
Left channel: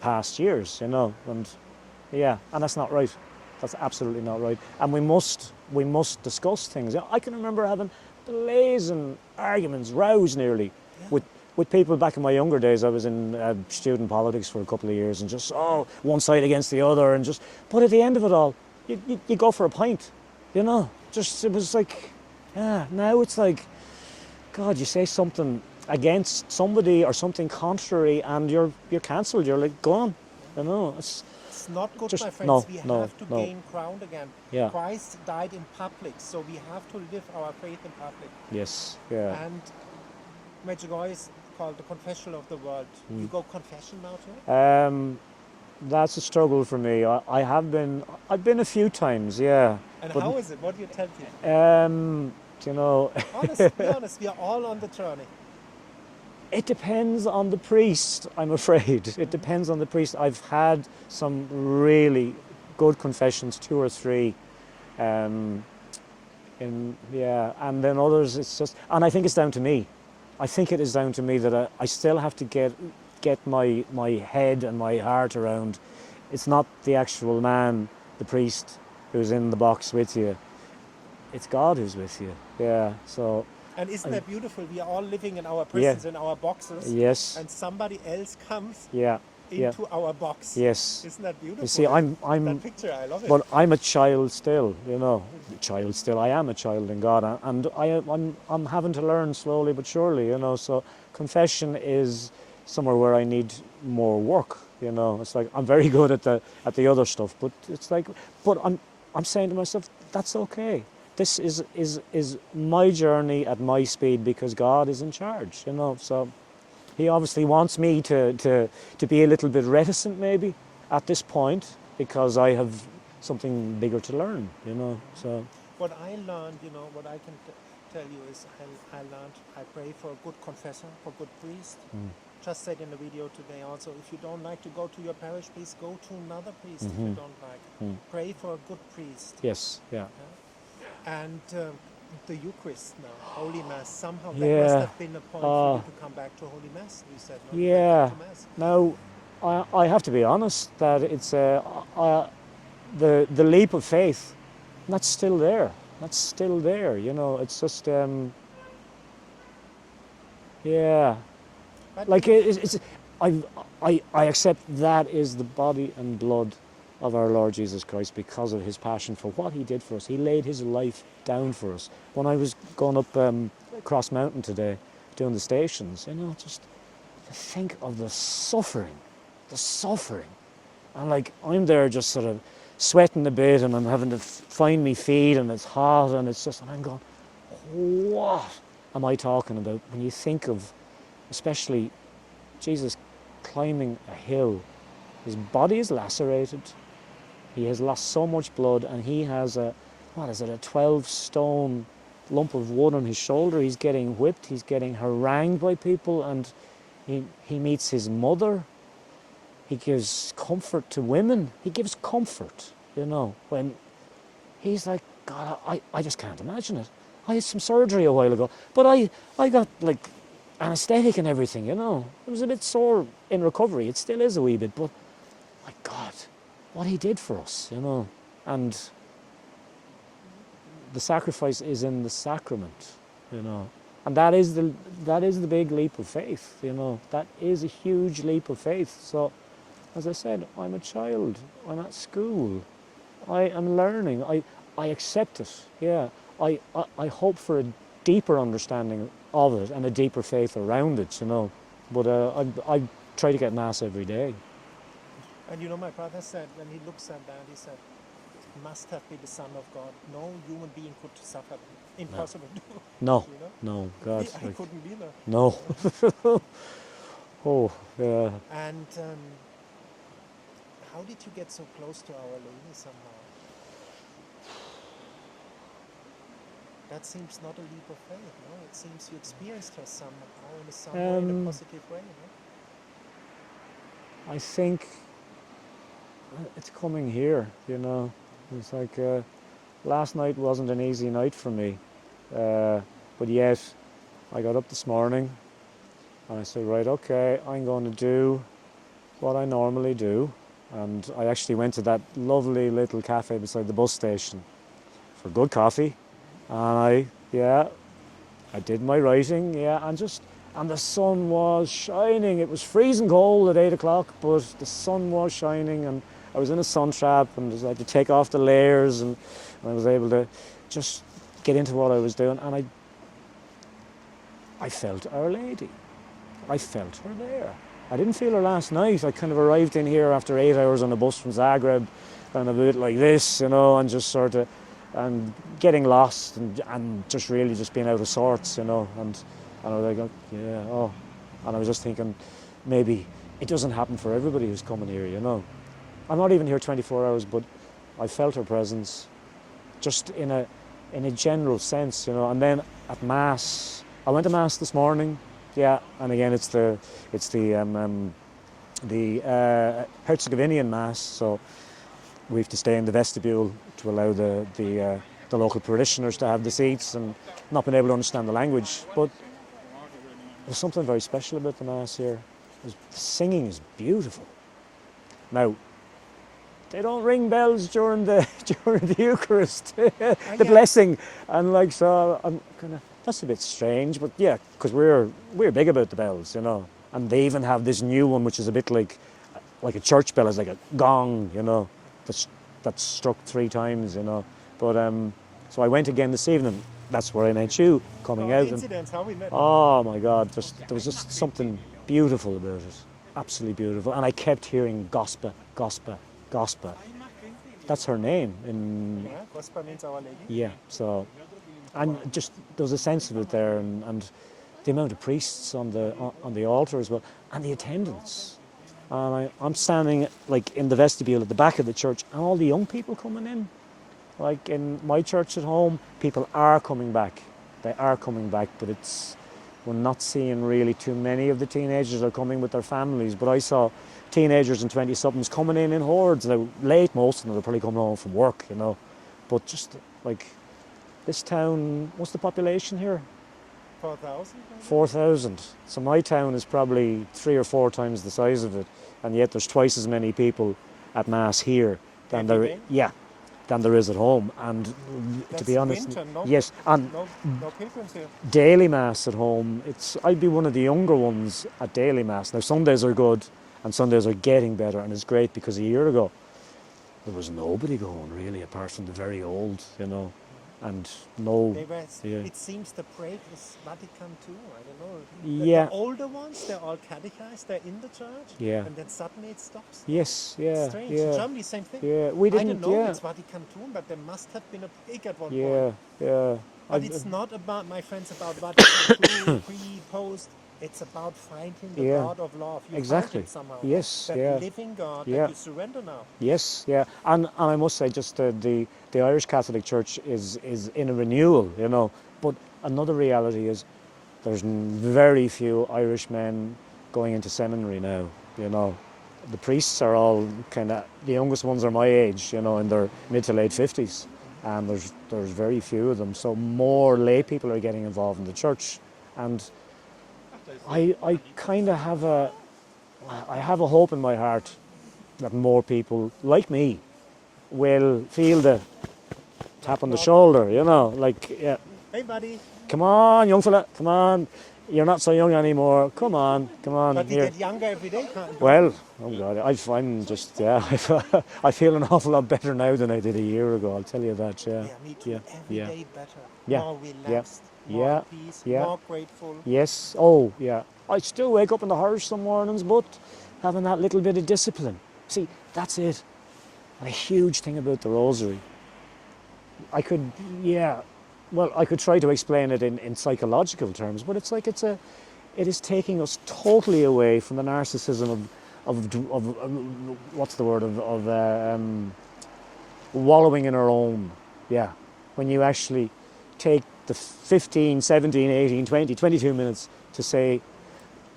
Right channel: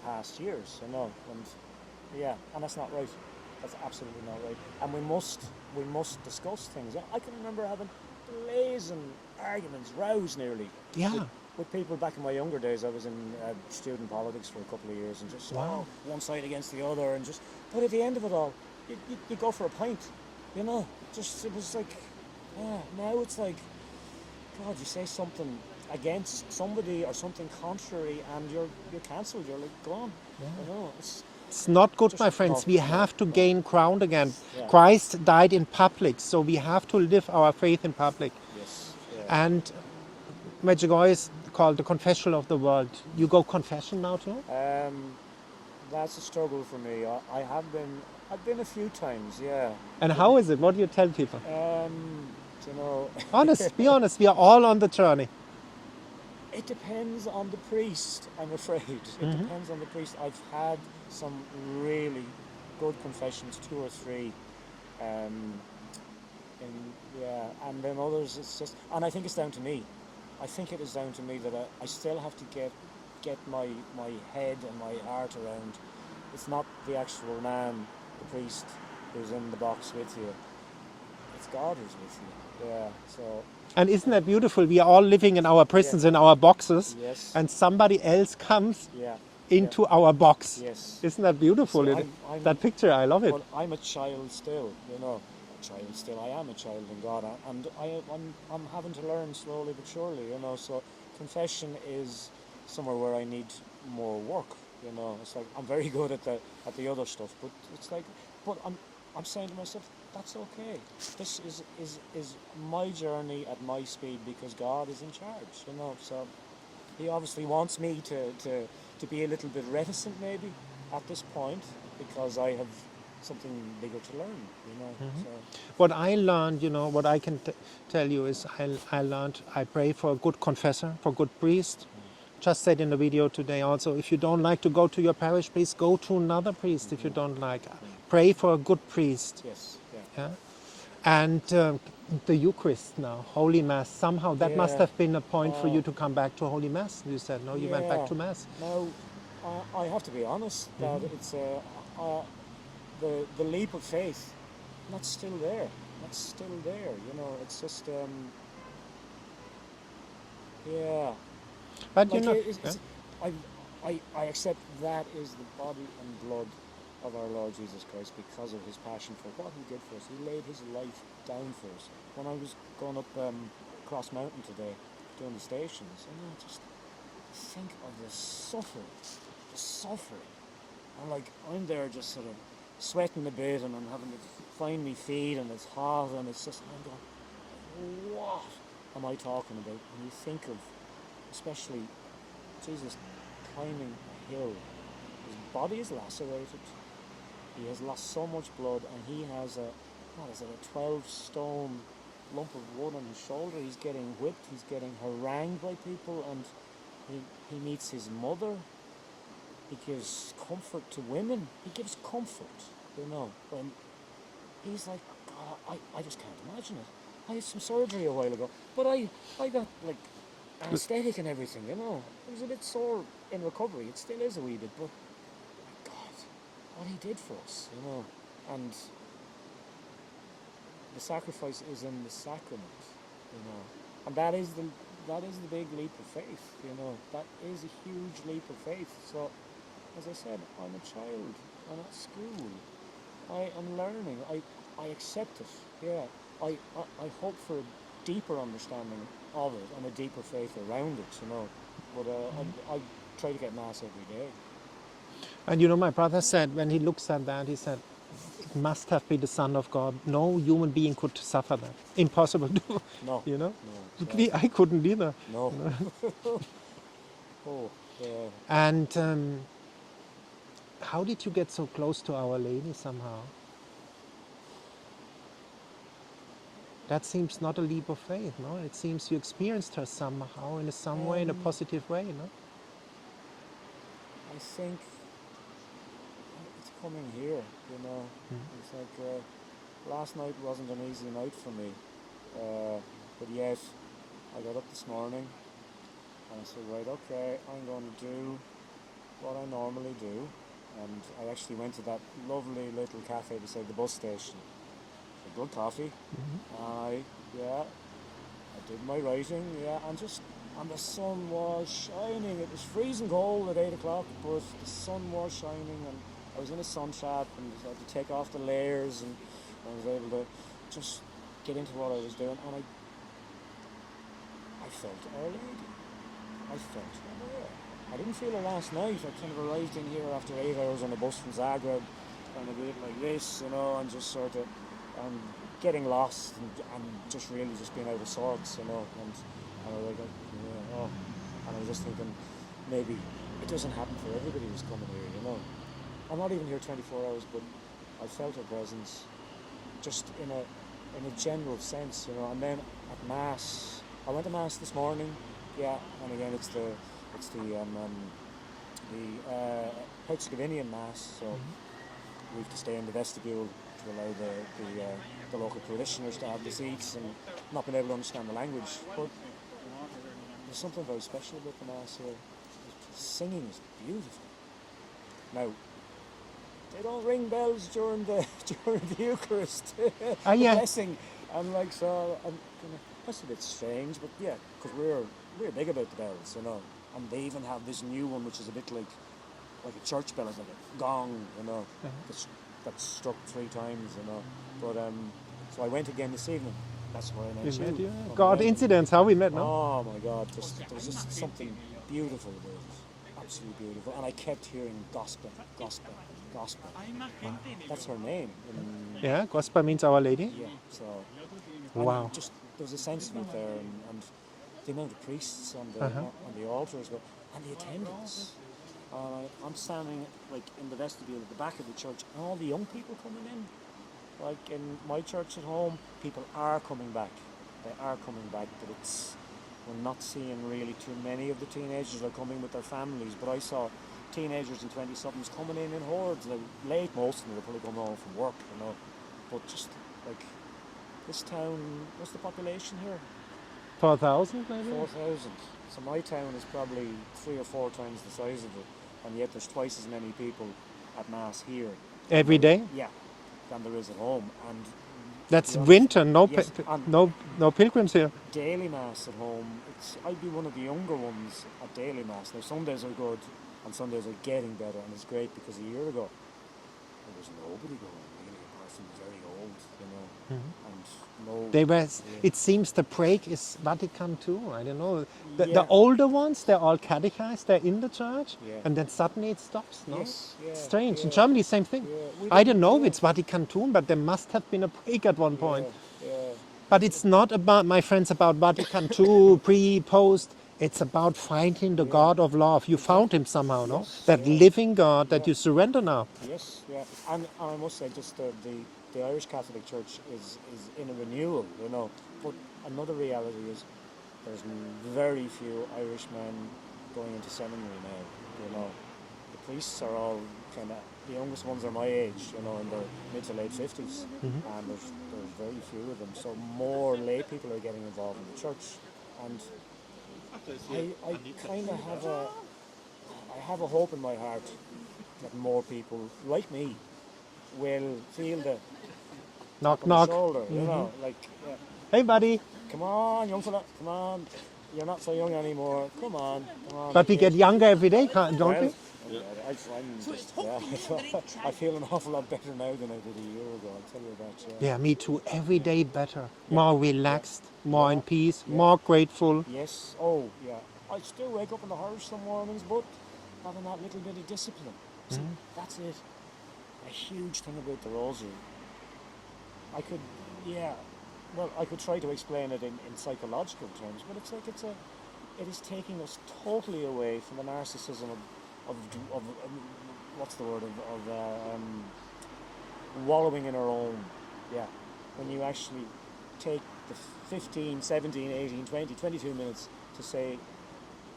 past years, you know, and that's not right. That's absolutely not right. And we must discuss things. I can remember having blazing arguments, rows nearly, Yeah. with people back in my younger days. I was in student politics for a couple of years and just one side against the other, and but at the end of it all, you go for a pint, you know. Just it was like, now it's like, God, you say something against somebody or something contrary, and you're cancelled. You're like gone. You know, It's not good, Just- my friends. no, We no, have to no. gain ground again. Yeah. Christ died in public, so we have to live our faith in public. yes, yeah. And Medjugorje is called the confession of the world. You go confession now too? That's a struggle for me. I've been a few times, yeah. And how is it? What do you tell people? You know, Be honest, we are all on the journey. it depends on the priest, I'm afraid. It depends on the priest. I've had some really good confessions, 2 or 3. And then others, it's just, and I think it's down to me. I think it is down to me that I still have to get my head and my heart around. It's not the actual man, the priest, who's in the box with you. It's God who's with you. Yeah. So. And isn't that beautiful? We are all living in our prisons, in our boxes. Yes. And somebody else comes Yeah. into our box. Yes. Isn't that beautiful? You see, I'm that picture, I love it. But I'm a child still. You know, I am a child in God, and I'm having to learn slowly but surely. You know, so confession is somewhere where I need more work. You know, it's like I'm very good at the other stuff, but it's like, but I'm saying to myself, that's okay. This is my journey at my speed because God is in charge. You know, so He obviously wants me to be a little bit reticent maybe at this point because I have something bigger to learn. You know, so What I learned, you know, what I can tell you is I learned I pray for a good confessor, for a good priest. Just said in the video today also, if you don't like to go to your parish, please go to another priest if you don't like. Pray for a good priest. yes, yeah. Yeah? And the Eucharist now, Holy Mass, somehow that must Yeah. have been a point for you to come back to Holy Mass. You said, no, you went Yeah. back to Mass. Now, I have to be honest that it's the leap of faith. That's still there. That's still there. You know, it's just yeah. But Like you know, it's I accept that is the body and blood of our Lord Jesus Christ because of His passion for what He did for us. He laid His life down for us. When I was going up across mountain today, doing the stations, you know, just to think of the suffering, and like I'm there just sort of sweating a bit, and I'm having to find me feet, and it's hot, and it's just, and I'm going, what am I talking about? When you think of, especially Jesus climbing a hill, his body is lacerated, he has lost so much blood, and he has a 12-stone lump of wood on his shoulder. He's getting whipped, he's getting harangued by people, and he meets his mother. He gives comfort to women. He gives comfort, you know, when he's like, God, I just can't imagine it. I had some surgery a while ago, but I got like anesthetic and everything, you know. It was a bit sore in recovery. It still is a wee bit, but my God, what he did for us, you know. And the sacrifice is in the sacrament, you know. And that is the big leap of faith, you know. That is a huge leap of faith. So, as I said, I'm a child. I'm at school. I am learning. I accept it. Yeah. I hope for a deeper understanding of it and a deeper faith around it, you know. But I try to get Mass every day. and you know, my brother said, when he looks at that, he said, it must have been the Son of God. No human being could suffer that. Impossible to, No. you know. No. I couldn't either. No. Oh, yeah. And how did you get so close to Our Lady somehow? That seems not a leap of faith, no? It seems you experienced her somehow in some way, in a positive way, no? I think it's coming here, you know. It's like last night wasn't an easy night for me, but yet I got up this morning and I said, right, okay, I'm going to do what I normally do. And I actually went to that lovely little cafe beside the bus station for good coffee. And I did my writing, and the sun was shining. It was freezing cold at 8 o'clock, but the sun was shining, and I was in a sun trap, and I had to take off the layers, and I was able to just get into what I was doing. And I felt Our Lady. I felt her there. I didn't feel her last night. I kind of arrived in here after 8 hours on a bus from Zagreb, and a bit like this, you know, and just sort of, and getting lost, and just really just being out of sorts, you know, and I was like, yeah, oh, and I was just thinking, maybe it doesn't happen for everybody who's coming here, you know. I'm not even here 24 hours, but I felt her presence, just in a general sense, you know. And then at Mass, I went to Mass this morning, yeah, and again it's the Herzegovinian Mass, so we have to stay in the vestibule to allow the local parishioners to have the seats, and not been able to understand the language. But there's something very special about the Mass here. The singing is beautiful. Now, they don't ring bells during the Eucharist, the blessing, and like, so I'm kind of, that's a bit strange, but yeah, because we're big about the bells, you know. And they even have this new one, which is a bit like a church bell. It's like a gong, you know, that's struck 3 times, you know. But so I went again this evening. That's where I met you, coming out. Coincidence, how we met. Oh my God, there was just something beautiful about it, absolutely beautiful. And I kept hearing Gospa, Gospa, Gospa. That's her name. Yeah, Gospa means Our Lady. Yeah, so, and just there was a sense of it there, and the amount of priests on the altar as well, and the attendance. I'm standing like in the vestibule at the back of the church, and all the young people coming in. Like in my church at home, people are coming back. They are coming back, but we're not seeing really too many of the teenagers are coming with their families. But I saw teenagers and 20-somethings coming in hordes. Now, late, most of them are probably coming home from work, you know. But just like this town, what's the population here? 4,000 maybe? 4,000. So my town is probably 3 or 4 times the size of it, and yet there's twice as many people at Mass here. Every day? Yeah, than there is at home. And that's to be honest, winter, no, yes, no pilgrims here. Daily Mass at home, I'd be one of the younger ones at daily Mass. Now Sundays are good, and Sundays are getting better, and it's great because a year ago there was nobody going really, apart from the very old, you know, and no. They were. Yeah. It seems the break is Vatican II. I don't know. The older ones, they're all catechized. They're in the church, and then suddenly it stops. No? Yes, yeah. Strange. Yeah. In Germany, same thing. Yeah, I don't know if it's Vatican II, but there must have been a break at one point. Yeah. But it's not about, my friends, about Vatican II, pre, post. It's about finding the God of love. You found him somehow. Yes, no? That living God that you surrender now. Yes, yeah. And I must say, just the Irish Catholic Church is in a renewal, you know. But another reality is there's very few Irish men going into seminary now, you know. The priests are all kind of, the youngest ones are my age, you know, in their mid to late 50s. And there's very few of them. So more lay people are getting involved in the church. And I kind of have a hope in my heart that more people like me will feel the tap on the shoulder, you know, like, yeah. Hey, buddy. Come on, young fella, come on. You're not so young anymore. Come on, come on. But we get younger every day, don't well, oh God, I'm just, yeah, I feel an awful lot better now than I did a year ago, I'll tell you that, yeah. Yeah, me too. Yeah. Every day better. Yeah. More relaxed, more in peace, more grateful. Yes, oh, yeah. I still wake up in the hearse some mornings, but having that little bit of discipline. See, that's it. A huge thing about the rosary. I could try to explain it in psychological terms, but it's like it is taking us totally away from the narcissism of what's the word, of wallowing in our own. Yeah. When you actually take the 15, 17, 18, 20, 22 minutes to say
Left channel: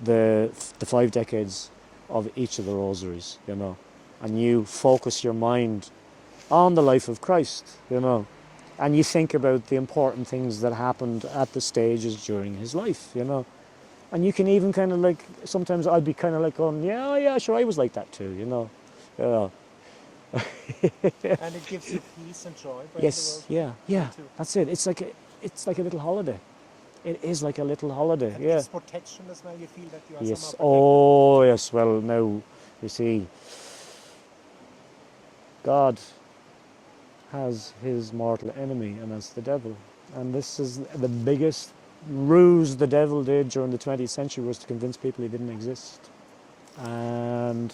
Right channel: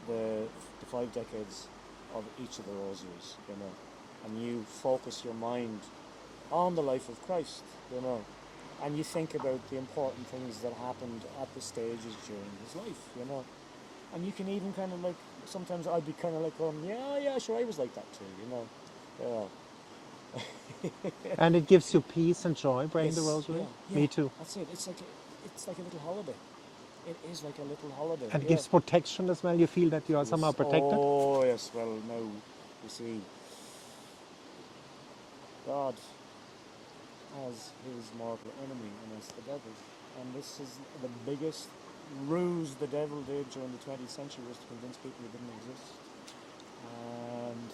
the 5 decades of each of the rosaries, you know, and you focus your mind on the life of Christ, you know, and you think about the important things that happened at the stages during his life, you know. And you can even kind of like, sometimes I'd be kind of like going, yeah, sure, I was like that too, you know. And it gives you peace and joy, praying the rosary? Yeah, me too. That's it. It's like a little holiday. It is like a little holiday. And gives protection as well. You feel that you are somehow protected? Oh, yes. Well, now, you see, God has his mortal enemy, and that's the devil. And this is the biggest ruse the devil did during the 20th century was to convince people he didn't exist. And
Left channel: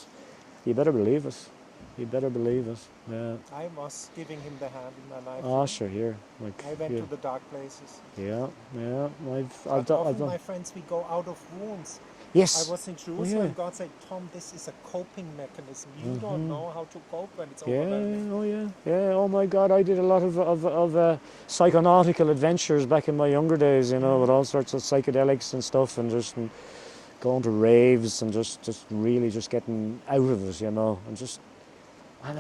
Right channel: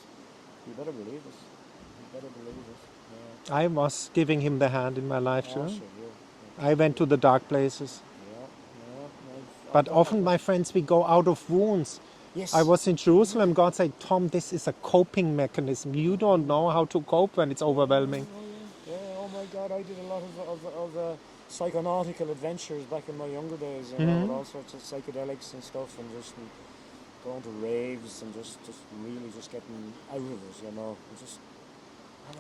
you better believe it. You better believe it. Yeah. I was giving him the hand in my life Oh, too. sure, here. I went to the dark places. Yeah, yeah. But often, my friends, we go out of wounds. Yes. I was in Jerusalem. Yeah. God said, Tom, this is a coping mechanism. You don't know how to cope when it's overwhelming. Oh, yeah. Yeah, oh my God, I did a lot of psychonautical adventures back in my younger days, you know, with all sorts of psychedelics and stuff, and just going to raves and just really just getting out of it, you know, and just...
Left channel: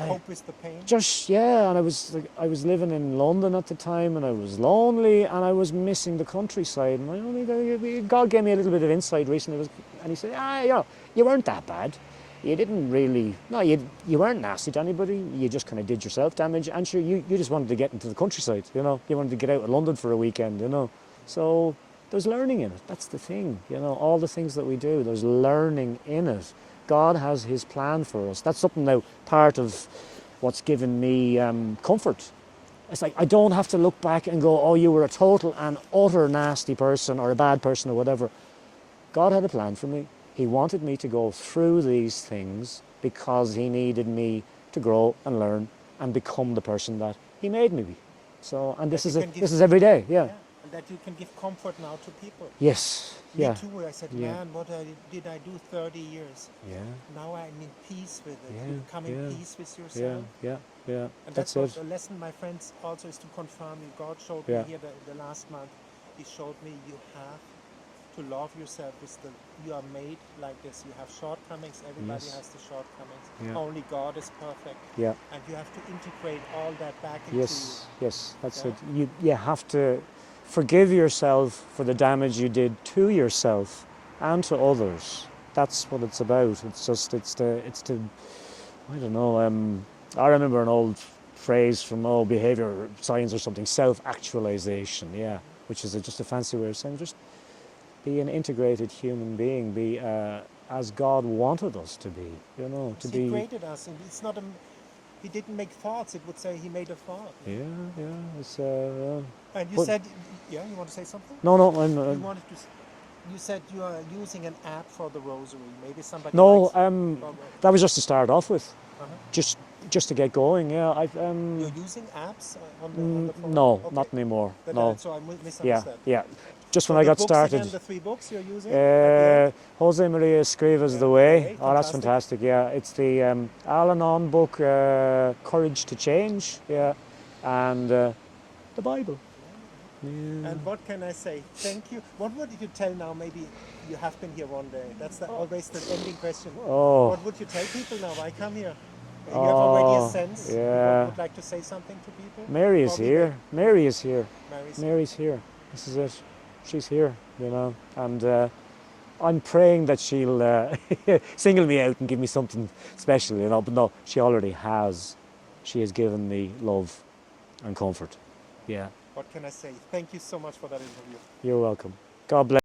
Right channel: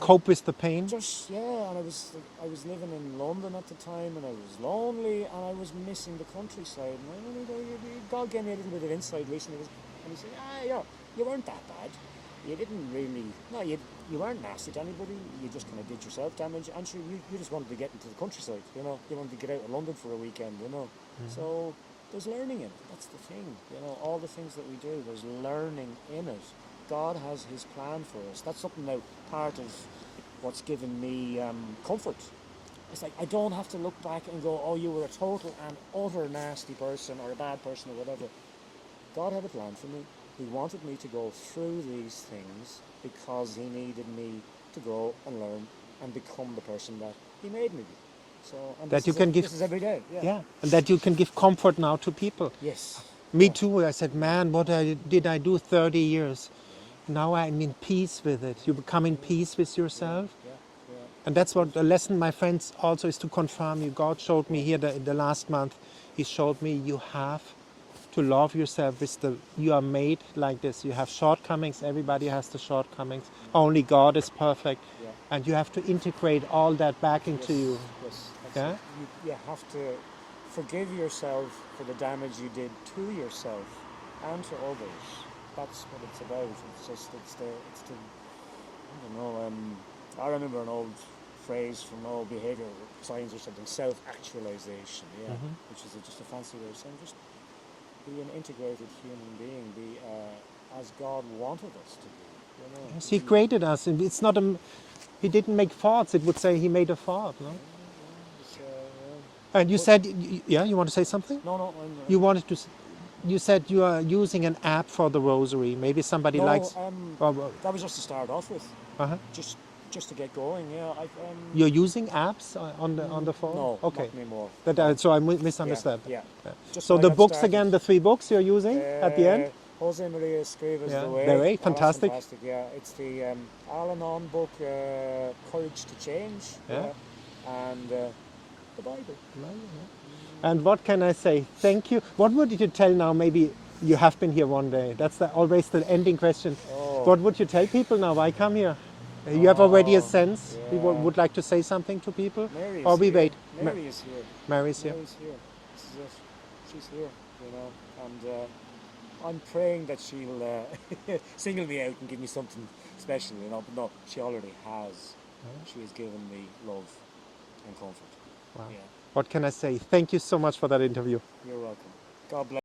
Cope with the pain? Just, yeah, and I was living in London at the time, and I was lonely, and I was missing the countryside. And God gave me a little bit of insight recently, and he said, you know, you weren't that bad. You didn't really, no, you weren't nasty to anybody. You just kind of did yourself damage, and sure, you just wanted to get into the countryside, you know. You wanted to get out of London for a weekend, you know. So there's learning in it. That's the thing, you know. All the things that we do, there's learning in it. God has his plan for us. That's something now, part of what's given me comfort. It's like I don't have to look back and go, oh, you were a total and utter nasty person or a bad person or whatever. God had a plan for me. He wanted me to go through these things because he needed me to grow and learn and become the person that he made me be. So, and this is every day, yeah. And that you can give comfort now to people. Yes. Me too. I said, man, what did I do 30 years? Yeah. Now I'm in peace with it. You become in peace with yourself. Yeah. And that's what the lesson, my friends, also is to confirm you. God showed me here the last month. He showed me you have to love yourself with you are made like this. You have shortcomings. Everybody has the shortcomings. Only God is perfect. Yeah. And you have to integrate all that back into you. Yes, that's it. You have to forgive yourself for the damage you did to yourself and to others. That's what it's about. It's the I don't know. I remember an old phrase from behavior science or something, self-actualization. Which is just a fancy way of saying just be an integrated human being. Be as God wanted us to be. You know. He created us, and it's not He didn't make thoughts. It would say he made a thought. No? It's And you said, you want to say something? No, you wanted to. You said you are using an app for the rosary. Maybe somebody likes. No, that was just to start off with. Just to get going. Yeah, You're using apps on the phone? No, okay. not anymore. So I misunderstood. Yeah. Just so when I the got books started, again, the 3 books you're using at the end? Jose Maria Escriva's The Way. Fantastic. Oh, that's fantastic. Yeah, it's the Al-Anon book, Courage to Change. Yeah, and the Bible. And what can I say? Thank you. What would you tell now? Maybe you have been here one day. That's always the ending question. What would you tell people now? Why come here? You have already a sense. You would like to say something to people. Mary is here. Mary is here. Mary's here. This is it. She's here. You know, and I'm praying that she'll single me out and give me something special. You know, but no, she already has. She has given me love and comfort. Wow. Yeah. What can I say? Thank you so much for that interview. You're welcome. God bless.